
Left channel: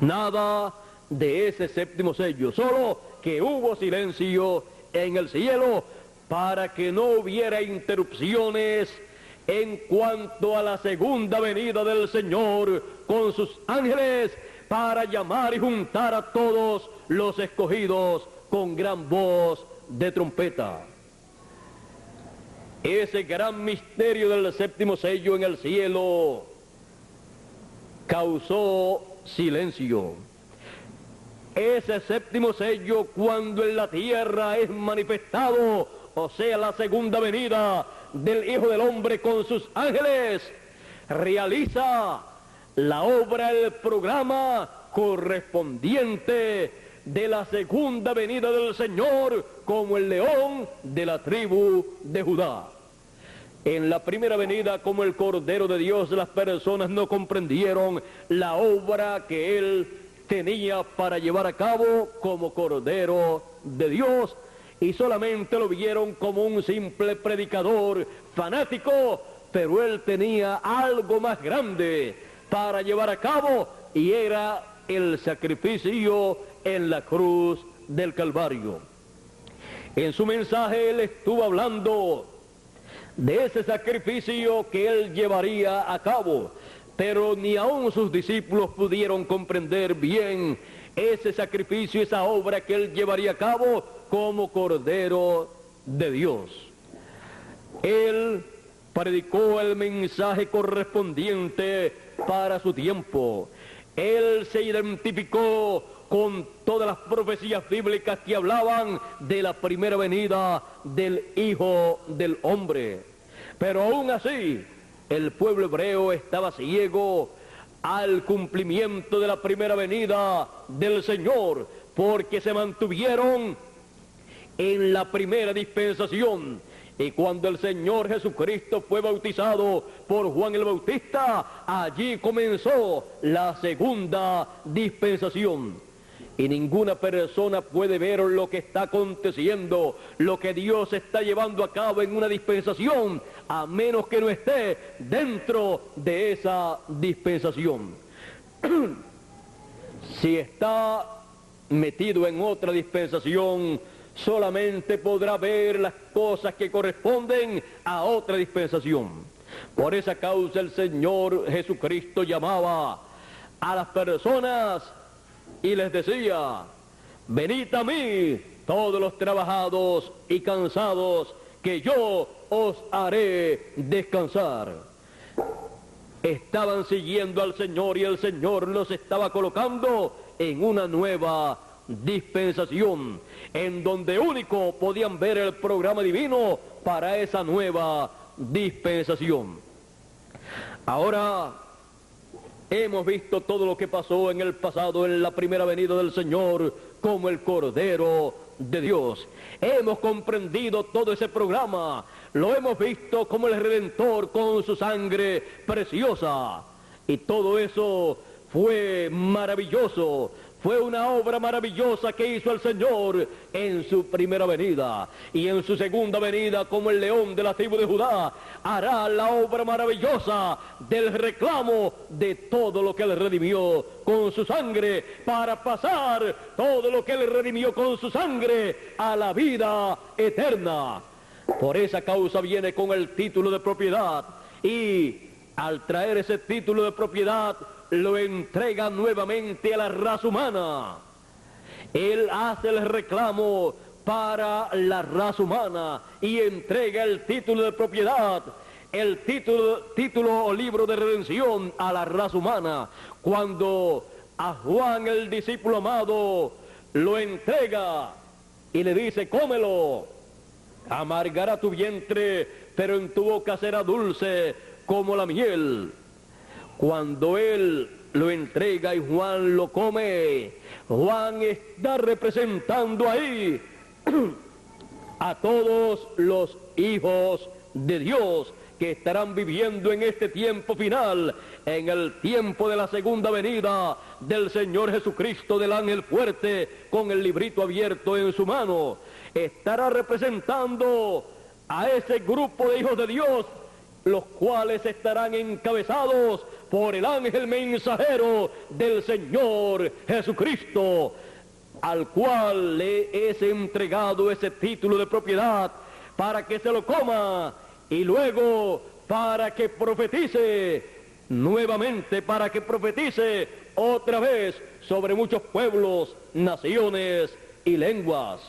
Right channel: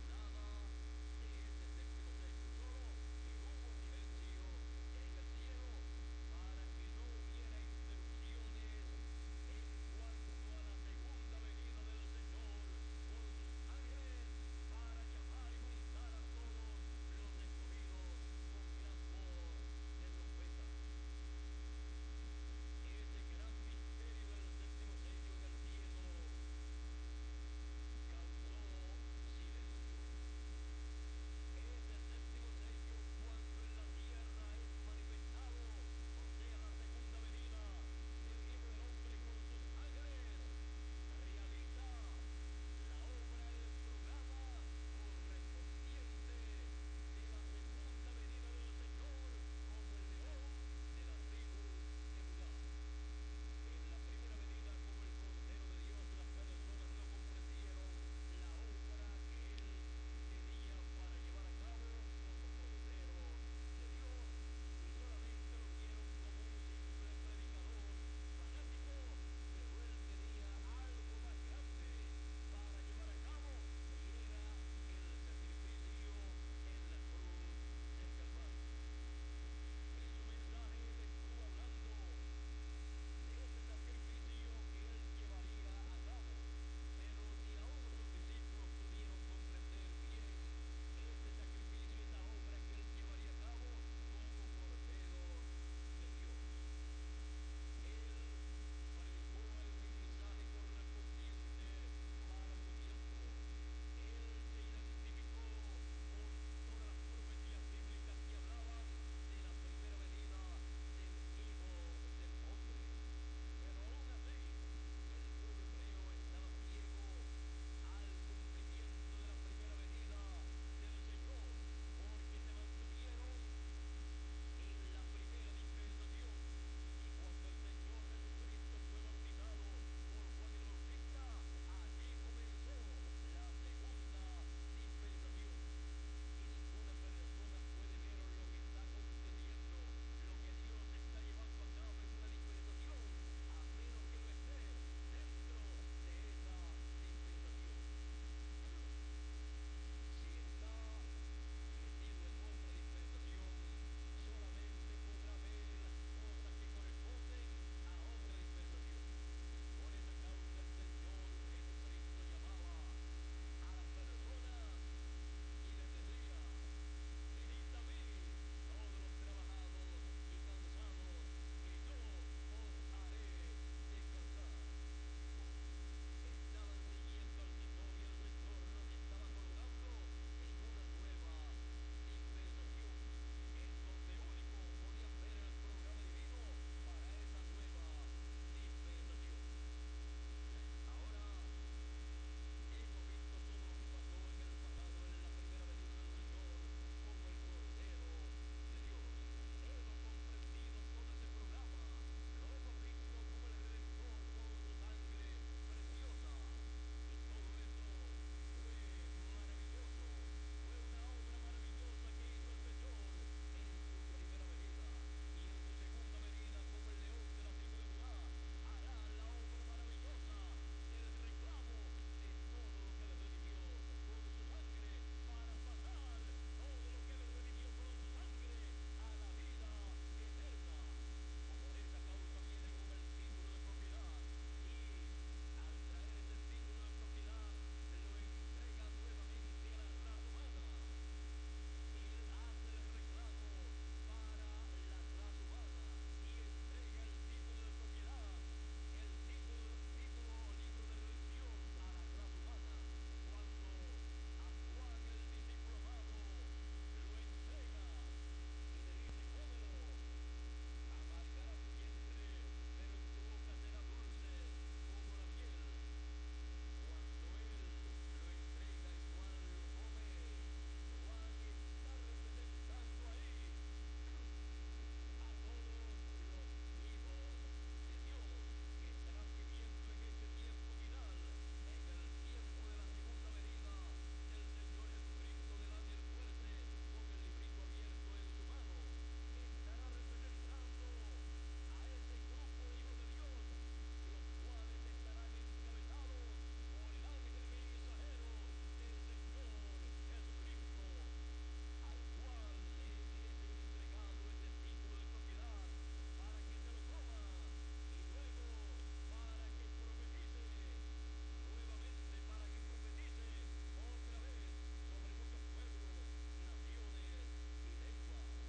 nada de ese 7º sello, solo que hubo silencio en el cielo para que no hubiera interrupciones en cuanto a la segunda venida del Señor con sus ángeles, para llamar y juntar a todos los escogidos con gran voz de trompeta. Ese gran misterio del 7º sello en el cielo causó silencio. Ese 7º sello, cuando en la tierra es manifestado, o sea, la segunda venida del Hijo del Hombre con sus ángeles, realiza la obra, el programa correspondiente de la segunda venida del Señor como el león de la tribu de Judá. En la primera venida como el Cordero de Dios, las personas no comprendieron la obra que Él tenía para llevar a cabo como Cordero de Dios, y solamente lo vieron como un simple predicador fanático, pero Él tenía algo más grande para llevar a cabo, y era el sacrificio en la cruz del Calvario. En su mensaje Él estuvo hablando de ese sacrificio que Él llevaría a cabo, pero ni aun sus discípulos pudieron comprender bien ese sacrificio, esa obra que él llevaría a cabo como Cordero de Dios. Él predicó el mensaje correspondiente para su tiempo. Él se identificó con todas las profecías bíblicas que hablaban de la primera venida del Hijo del Hombre. Pero aún así, el pueblo hebreo estaba ciego al cumplimiento de la primera venida del Señor, porque se mantuvieron en la primera dispensación. Y cuando el Señor Jesucristo fue bautizado por Juan el Bautista, allí comenzó la segunda dispensación. Y ninguna persona puede ver lo que está aconteciendo, lo que Dios está llevando a cabo en una dispensación, a menos que no esté dentro de esa dispensación. Si está metido en otra dispensación, solamente podrá ver las cosas que corresponden a otra dispensación. Por esa causa el Señor Jesucristo llamaba a las personas y les decía: venid a mí todos los trabajados y cansados, que yo os haré descansar. Estaban siguiendo al Señor y el Señor los estaba colocando en una nueva dispensación, en donde único podían ver el programa divino para esa nueva dispensación. Ahora hemos visto todo lo que pasó en el pasado, en la primera venida del Señor, como el Cordero de Dios. Hemos comprendido todo ese programa, lo hemos visto como el Redentor con su sangre preciosa. Y todo eso fue maravilloso. Fue una obra maravillosa que hizo el Señor en su primera venida. Y en su segunda venida, como el león de la tribu de Judá, hará la obra maravillosa del reclamo de todo lo que él redimió con su sangre, para pasar todo lo que él redimió con su sangre a la vida eterna. Por esa causa viene con el título de propiedad, y al traer ese título de propiedad, lo entrega nuevamente a la raza humana. Él hace el reclamo para la raza humana y entrega el título de propiedad, el título o libro de redención a la raza humana. Cuando a Juan, el discípulo amado, lo entrega y le dice: cómelo, amargará tu vientre, pero en tu boca será dulce como la miel. Cuando él lo entrega y Juan lo come, Juan está representando ahí a todos los hijos de Dios que estarán viviendo en este tiempo final, en el tiempo de la segunda venida del Señor Jesucristo, del ángel fuerte con el librito abierto en su mano. Estará representando a ese grupo de hijos de Dios, los cuales estarán encabezados por el ángel mensajero del Señor Jesucristo, al cual le es entregado ese título de propiedad para que se lo coma, y luego para que profetice nuevamente, para que profetice otra vez sobre muchos pueblos, naciones y lenguas.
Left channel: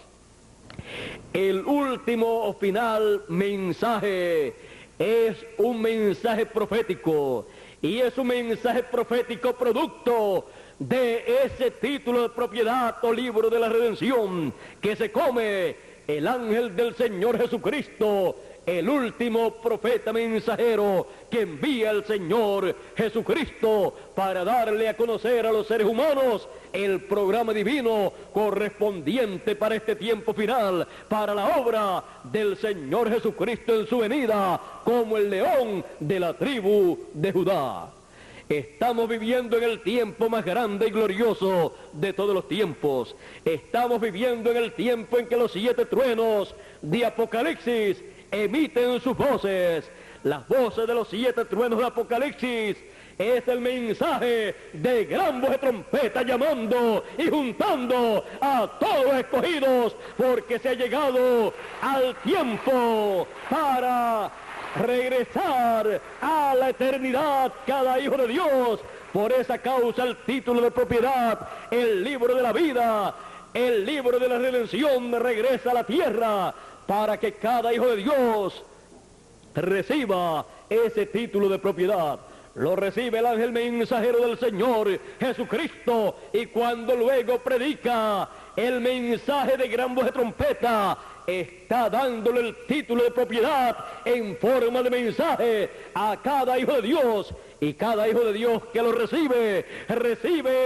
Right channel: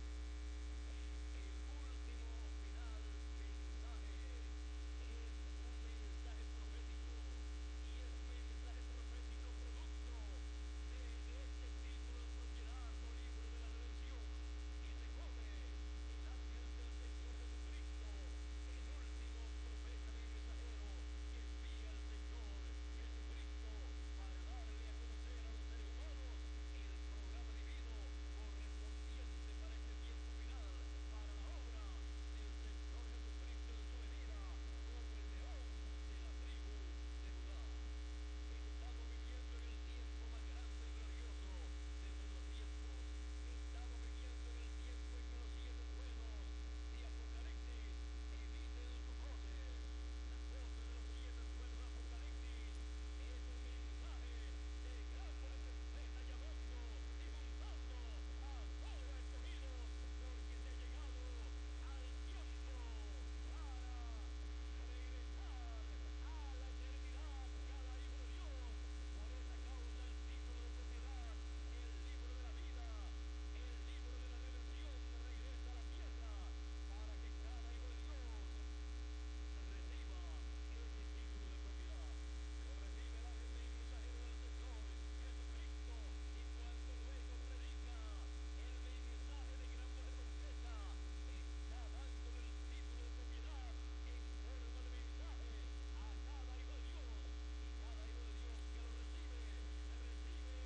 El último o final mensaje es un mensaje profético, y es un mensaje profético producto de ese título de propiedad o libro de la redención que se come el ángel del Señor Jesucristo, el último profeta mensajero que envía el Señor Jesucristo para darle a conocer a los seres humanos el programa divino correspondiente para este tiempo final, para la obra del Señor Jesucristo en su venida como el león de la tribu de Judá. Estamos viviendo en el tiempo más grande y glorioso de todos los tiempos. Estamos viviendo en el tiempo en que los 7 truenos de Apocalipsis emiten sus voces. Las voces de los 7 truenos de Apocalipsis es el mensaje de gran voz de trompeta, llamando y juntando a todos los escogidos, porque se ha llegado al tiempo para regresar a la eternidad cada hijo de Dios. Por esa causa el título de propiedad, el libro de la vida, el libro de la redención regresa a la tierra para que cada hijo de Dios reciba ese título de propiedad. Lo recibe el ángel mensajero del Señor Jesucristo, y cuando luego predica el mensaje de gran voz de trompeta, está dándole el título de propiedad en forma de mensaje a cada hijo de Dios, y cada hijo de Dios que lo recibe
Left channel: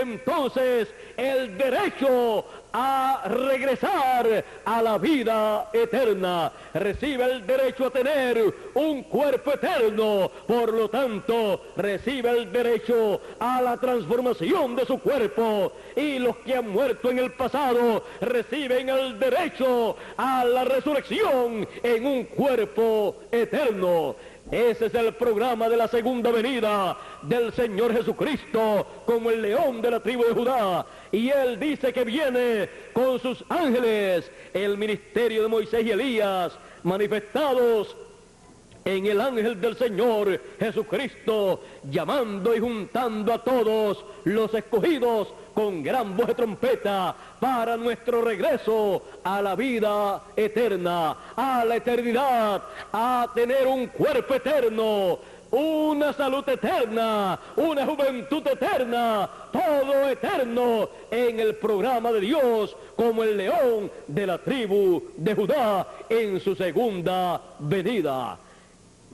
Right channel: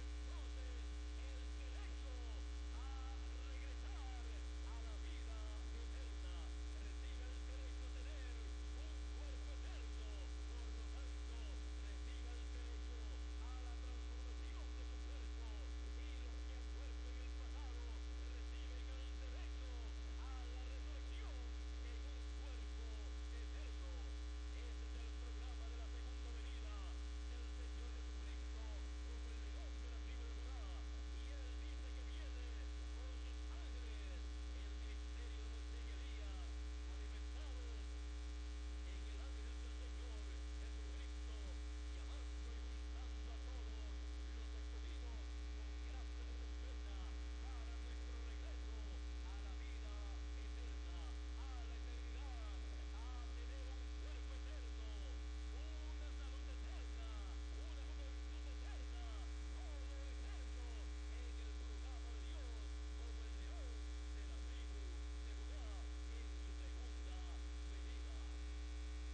entonces el derecho a regresar a la vida eterna, recibe el derecho a tener un cuerpo eterno, por lo tanto recibe el derecho a la transformación de su cuerpo, y los que han muerto en el pasado reciben el derecho a la resurrección en un cuerpo eterno. Ese es el programa de la segunda venida del Señor Jesucristo como el león de la tribu de Judá. Y Él dice que viene con sus ángeles, el ministerio de Moisés y Elías, manifestados en el ángel del Señor Jesucristo, llamando y juntando a todos los escogidos con gran voz de trompeta para nuestro regreso a la vida eterna, a la eternidad, a tener un cuerpo eterno, una salud eterna, una juventud eterna, todo eterno en el programa de Dios como el león de la tribu de Judá en su segunda venida.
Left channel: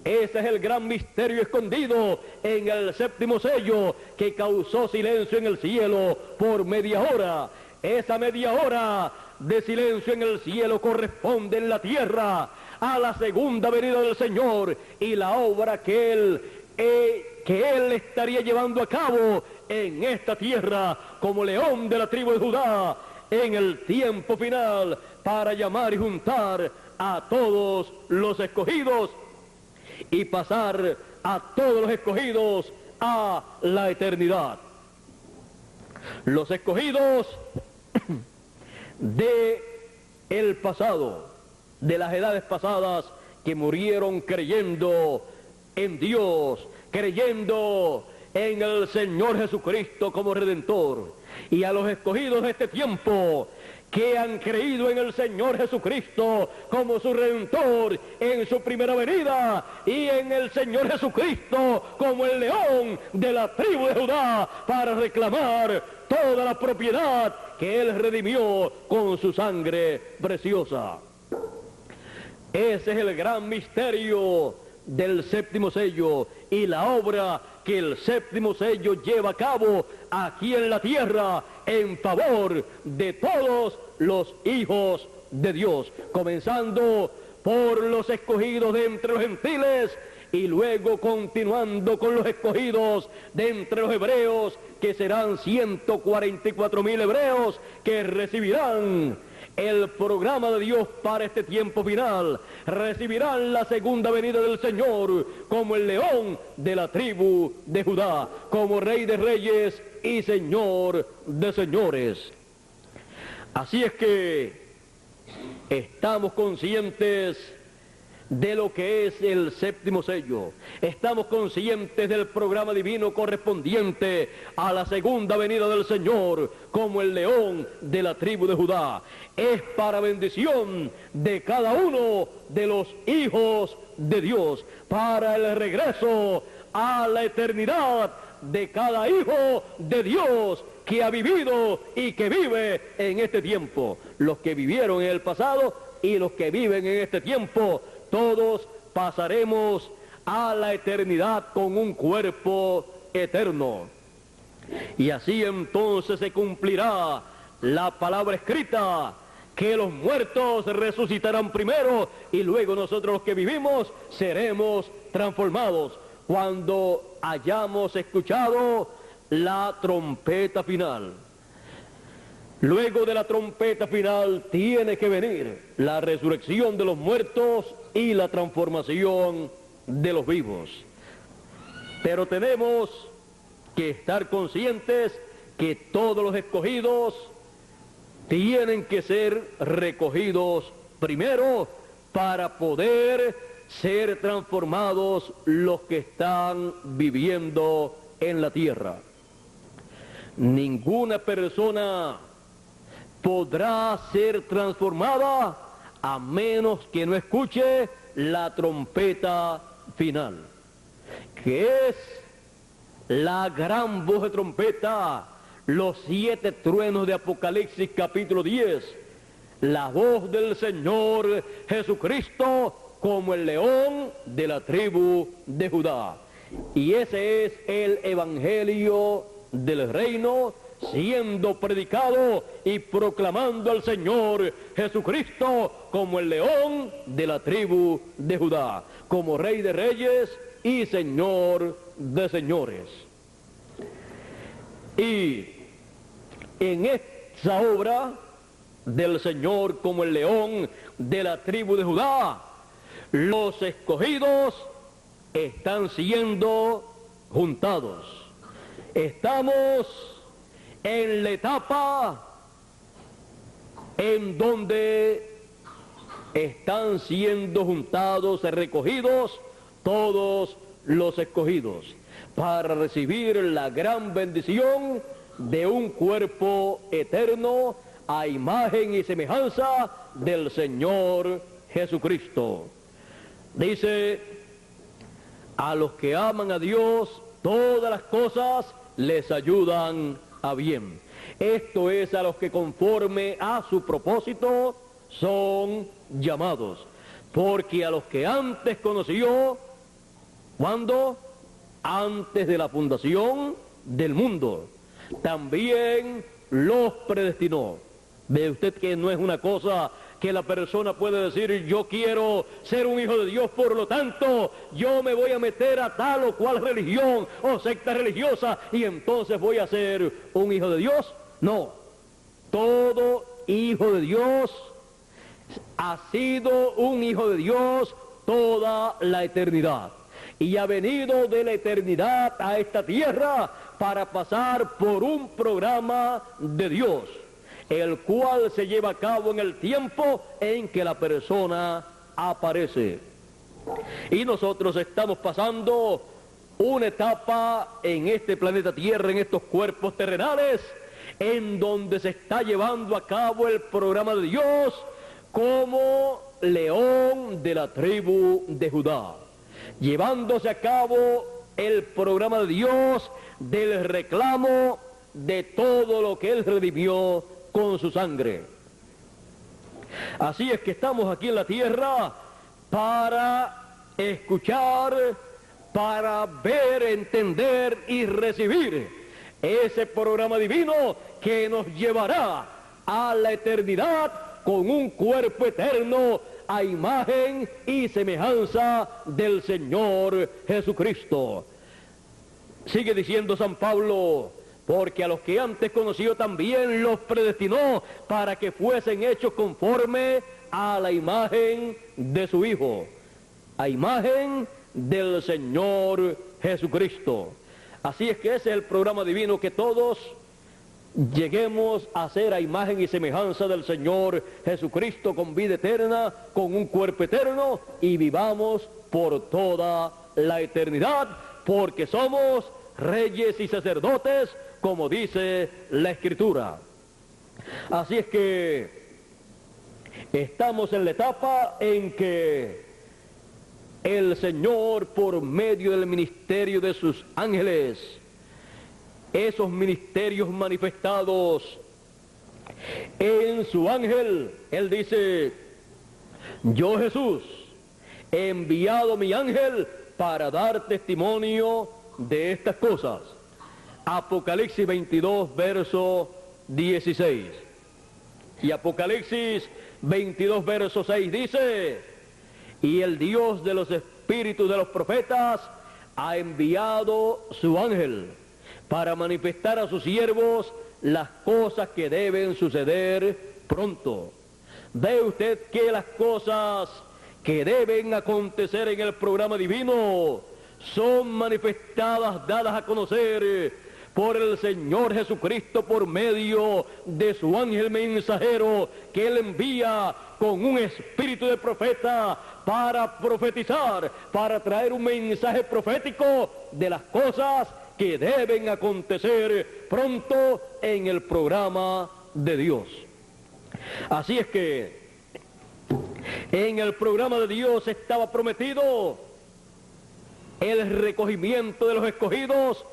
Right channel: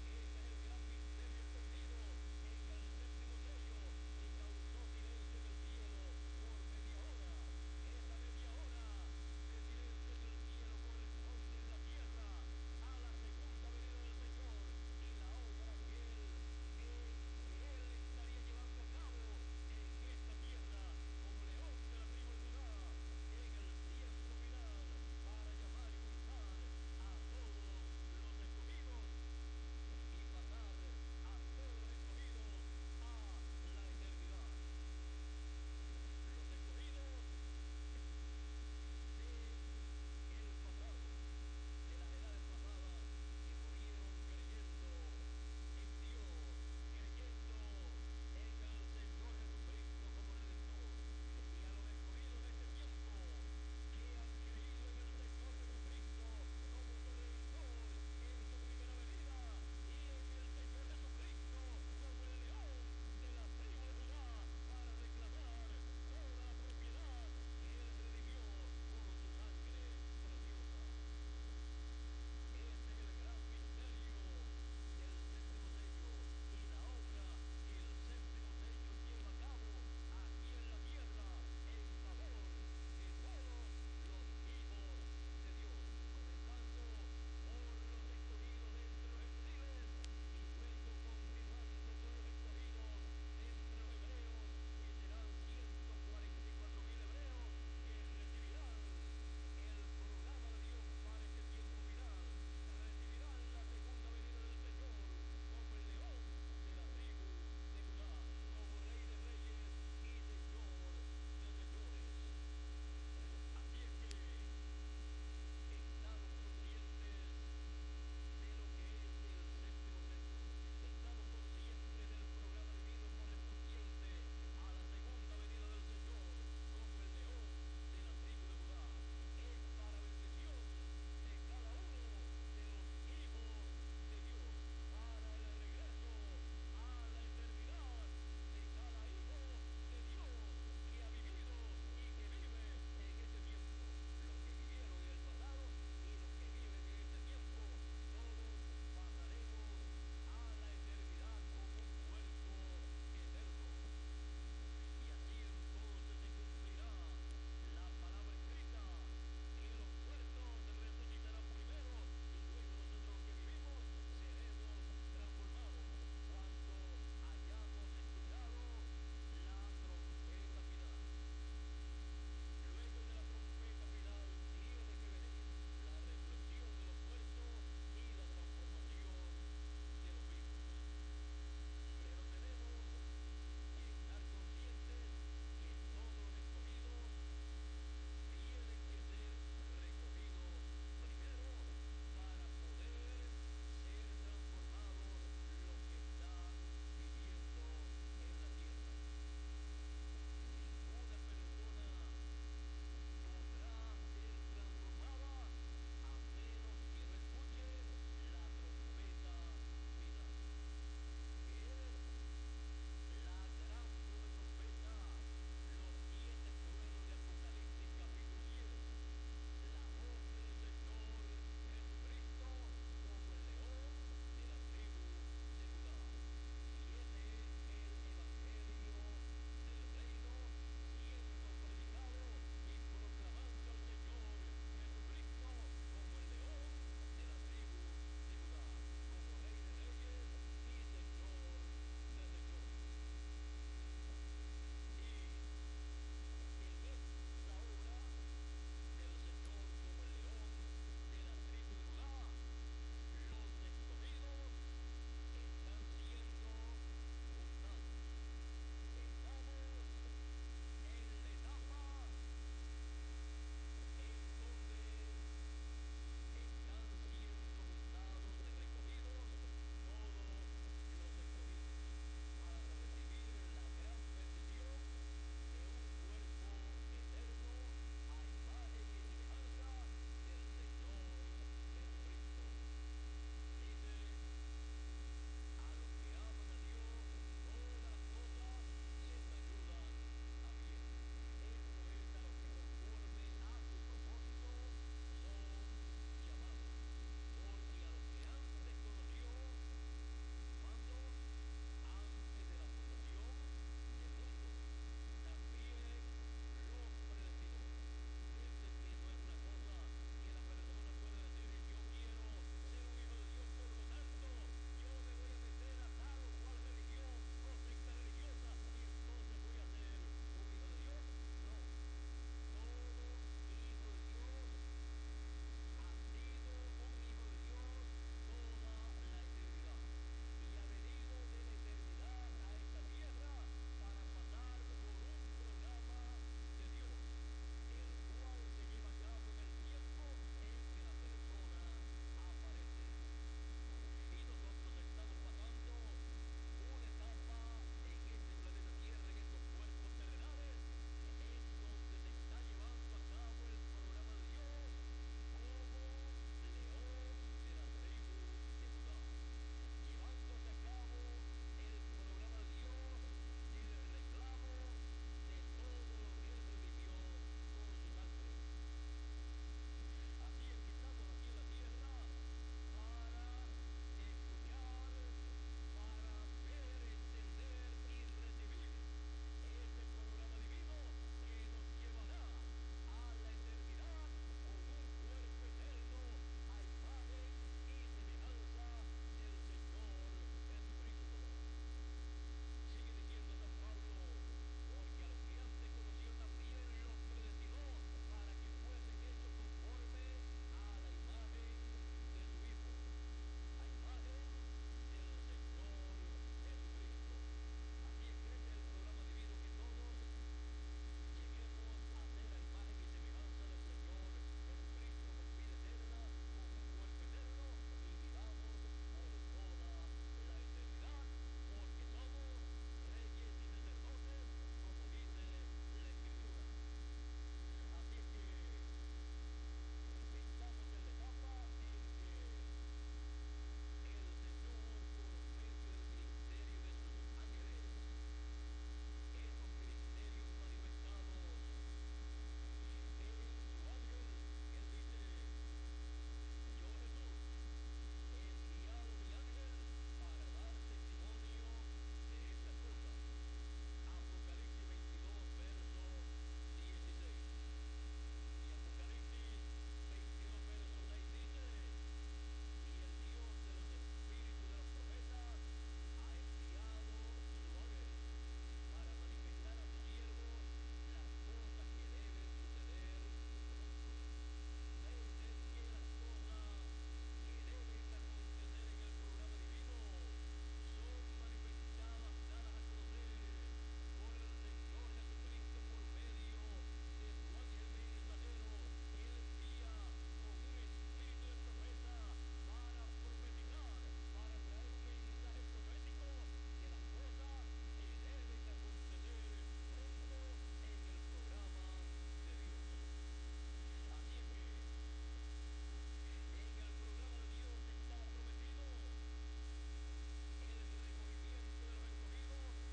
Ese es el gran misterio escondido en el séptimo sello, que causó silencio en el cielo por media hora. Esa media hora de silencio en el cielo corresponde en la tierra a la segunda venida del Señor y la obra que Él estaría llevando a cabo en esta tierra como león de la tribu de Judá en el tiempo final, para llamar y juntar a todos los escogidos y pasar a todos los escogidos a la eternidad. Los escogidos de el pasado, de las edades pasadas, que murieron creyendo en Dios, creyendo en el Señor Jesucristo como Redentor, y a los escogidos de este tiempo, que han creído en el Señor Jesucristo como su Redentor en su primera venida, y en el Señor Jesucristo como el león de la tribu de Judá, para reclamar toda la propiedad que Él redimió con su sangre preciosa. Ese es el gran misterio del séptimo sello y la obra que el séptimo sello lleva a cabo aquí en la tierra en favor de todos los hijos de Dios, comenzando por los escogidos de entre los gentiles y luego continuando con los escogidos de entre los hebreos, que serán 144,000 hebreos que recibirán el programa de Dios para este tiempo final, recibirán la segunda venida del Señor como el león de la tribu de Judá, como Rey de reyes y Señor de señores. Así es que estamos conscientes de lo que es el séptimo sello, estamos conscientes del programa divino correspondiente a la segunda venida del Señor como el león de la tribu de Judá. Es para bendición de cada uno de los hijos de Dios, para el regreso a la eternidad de cada hijo de Dios que ha vivido y que vive en este tiempo. Los que vivieron en el pasado y los que viven en este tiempo, todos pasaremos a la eternidad con un cuerpo eterno. Y así entonces se cumplirá la palabra escrita, que los muertos resucitarán primero y luego nosotros los que vivimos seremos transformados cuando hayamos escuchado la trompeta final. Luego de la trompeta final tiene que venir la resurrección de los muertos y la transformación de los vivos. Pero tenemos que estar conscientes que todos los escogidos tienen que ser recogidos primero para poder ser transformados los que están viviendo en la tierra. Ninguna persona podrá ser transformada a menos que no escuche la trompeta final, que es la gran voz de trompeta, los 7 truenos de Apocalipsis capítulo 10, la voz del Señor Jesucristo como el león de la tribu de Judá. Y ese es el evangelio del reino siendo predicado y proclamando al Señor Jesucristo como el león de la tribu de Judá, como Rey de Reyes y Señor de Señores. Y en esta obra del Señor como el león de la tribu de Judá, los escogidos están siendo juntados. Estamos en la etapa en donde están siendo juntados, recogidos todos los escogidos para recibir la gran bendición de un cuerpo eterno a imagen y semejanza del Señor Jesucristo. Dice, a los que aman a Dios, todas las cosas les ayudan a bien. Esto es a los que conforme a su propósito son llamados. Porque a los que antes conoció, ¿cuándo? Antes de la fundación del mundo, también los predestinó. Ve usted que no es una cosa que la persona puede decir, yo quiero ser un hijo de Dios, por lo tanto, yo me voy a meter a tal o cual religión o secta religiosa y entonces voy a ser un hijo de Dios. No, todo hijo de Dios ha sido un hijo de Dios toda la eternidad y ha venido de la eternidad a esta tierra para pasar por un programa de Dios, el cual se lleva a cabo en el tiempo en que la persona aparece. Y nosotros estamos pasando una etapa en este planeta Tierra, en estos cuerpos terrenales, en donde se está llevando a cabo el programa de Dios como león de la tribu de Judá, llevándose a cabo el programa de Dios del reclamo de todo lo que Él redimió con su sangre. Así es que estamos aquí en la tierra para escuchar, para ver, entender y recibir ese programa divino que nos llevará a la eternidad con un cuerpo eterno a imagen y semejanza del Señor Jesucristo. Sigue diciendo San Pablo, porque a los que antes conoció también los predestinó para que fuesen hechos conforme a la imagen de su Hijo, a imagen del Señor Jesucristo. Así es que ese es el programa divino, que todos lleguemos a ser a imagen y semejanza del Señor Jesucristo con vida eterna, con un cuerpo eterno y vivamos por toda la eternidad, porque somos reyes y sacerdotes, como dice la Escritura. Así es que estamos en la etapa en que el Señor, por medio del ministerio de sus ángeles, esos ministerios manifestados en su ángel, Él dice, yo Jesús he enviado mi ángel para dar testimonio de estas cosas. Apocalipsis 22, verso 16. Y Apocalipsis 22, verso 6 dice, y el Dios de los espíritus de los profetas ha enviado su ángel para manifestar a sus siervos las cosas que deben suceder pronto. Ve usted que las cosas que deben acontecer en el programa divino son manifestadas, dadas a conocer por el Señor Jesucristo por medio de su ángel mensajero que Él envía con un espíritu de profeta para profetizar, para traer un mensaje profético de las cosas que deben acontecer pronto en el programa de Dios. Así es que en el programa de Dios estaba prometido el recogimiento de los escogidos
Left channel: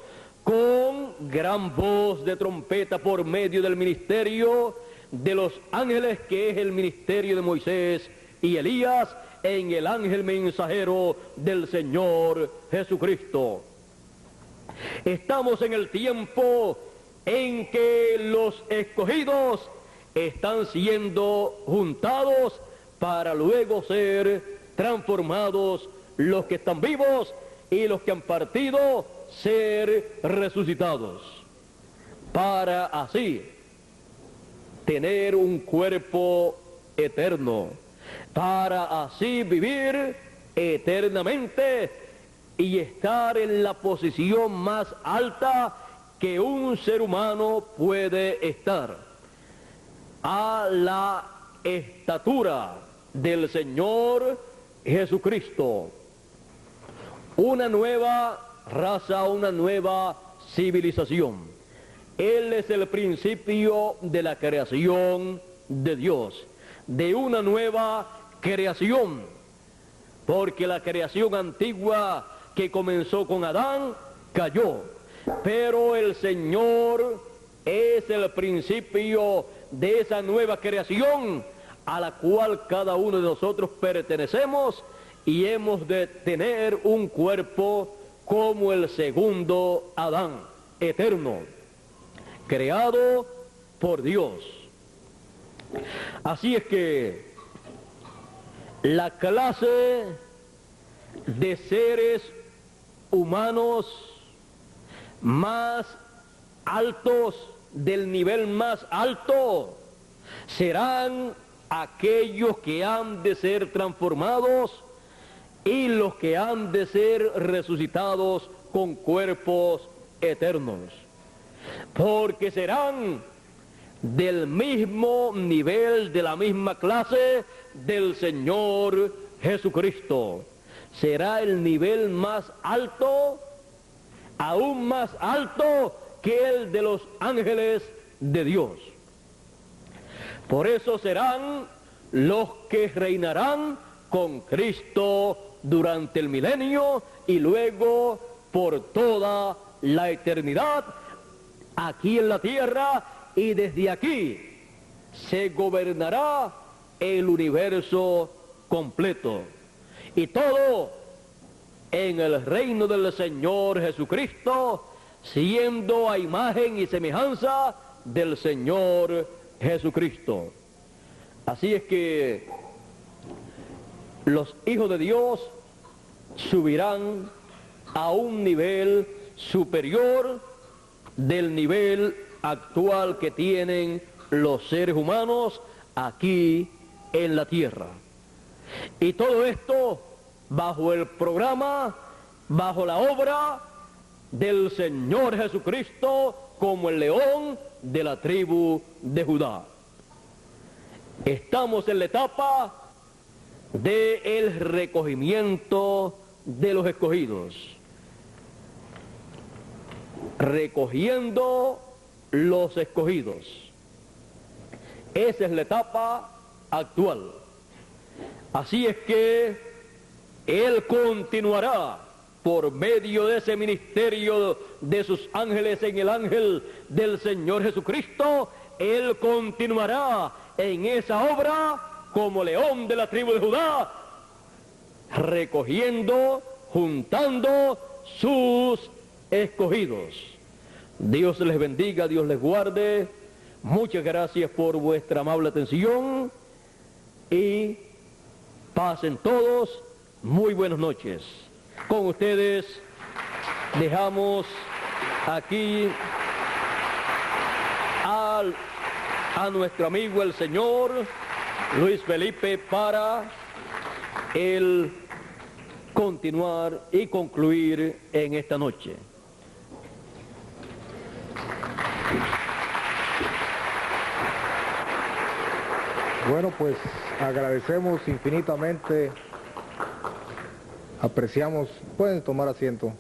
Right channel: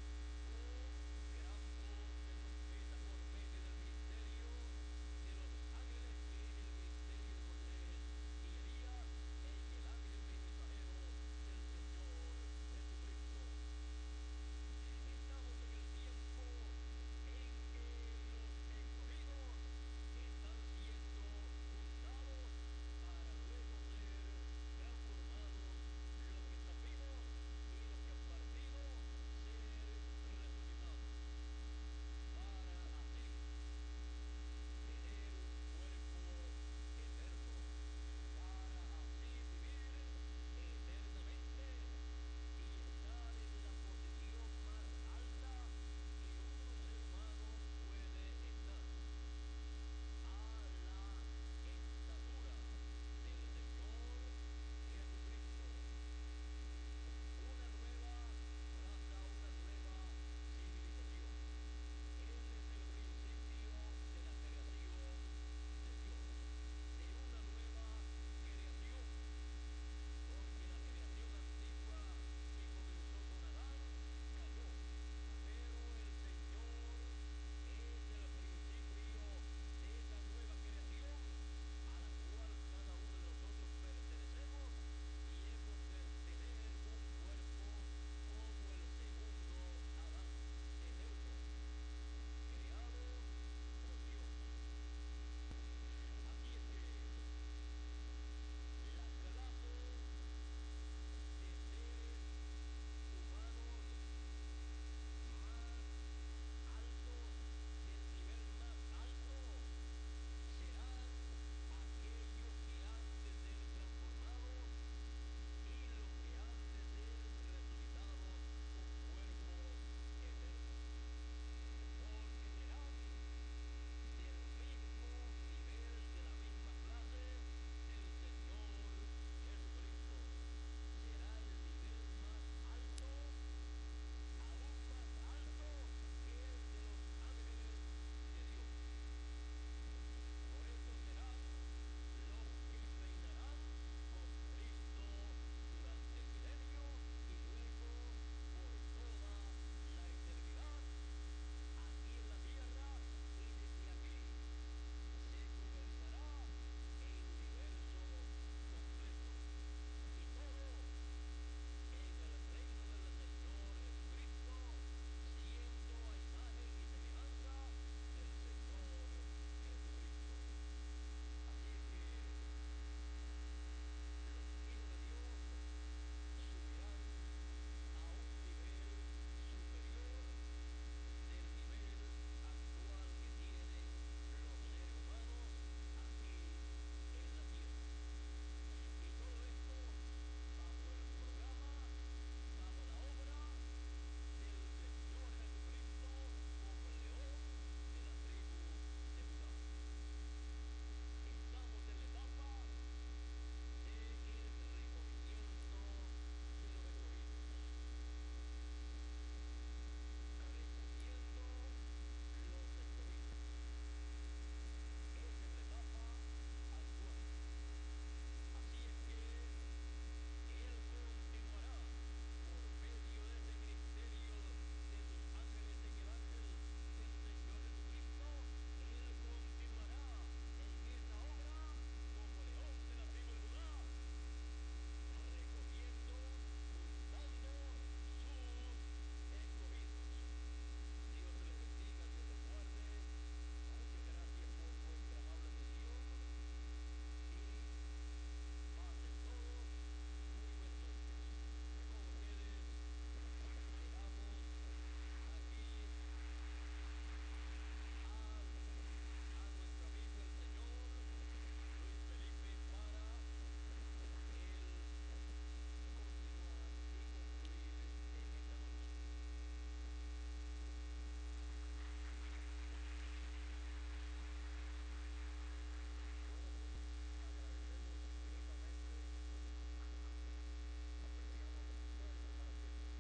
con gran voz de trompeta por medio del ministerio de los ángeles, que es el ministerio de Moisés y Elías, en el ángel mensajero del Señor Jesucristo. Estamos en el tiempo en que los escogidos están siendo juntados para luego ser transformados los que están vivos y los que han partido ser resucitados, para así tener un cuerpo eterno, para así vivir eternamente y estar en la posición más alta que un ser humano puede estar, a la estatura del Señor Jesucristo. Una nueva raza, una nueva civilización. Él es el principio de la creación de Dios, de una nueva creación, porque la creación antigua que comenzó con Adán cayó, pero el Señor es el principio de esa nueva creación a la cual cada uno de nosotros pertenecemos, y hemos de tener un cuerpo como el segundo Adán, eterno, creado por Dios. Así es que la clase de seres humanos más altos, del nivel más alto, serán aquellos que han de ser transformados y los que han de ser resucitados con cuerpos eternos, porque serán del mismo nivel, de la misma clase del Señor Jesucristo. Será el nivel más alto, aún más alto que el de los ángeles de Dios. Por eso serán los que reinarán con Cristo durante el milenio y luego por toda la eternidad aquí en la tierra, y desde aquí se gobernará el universo completo, y todo en el reino del Señor Jesucristo, siendo a imagen y semejanza del Señor Jesucristo. Así es que los hijos de Dios subirán a un nivel superior del nivel actual que tienen los seres humanos aquí en la tierra. Y todo esto bajo el programa, bajo la obra del Señor Jesucristo como el león de la tribu de Judá. Estamos en la etapa del recogimiento de los escogidos, recogiendo los escogidos. Esa es la etapa actual. Así es que Él continuará por medio de ese ministerio de sus ángeles en el ángel del Señor Jesucristo. Él continuará en esa obra como león de la tribu de Judá, recogiendo, juntando sus escogidos. Dios les bendiga, Dios les guarde. Muchas gracias por vuestra amable atención y pasen todos muy buenas noches. Con ustedes dejamos aquí a nuestro amigo el señor Luis Felipe para el continuar y concluir en esta noche. Bueno, pues agradecemos infinitamente Apreciamos, pueden tomar asiento.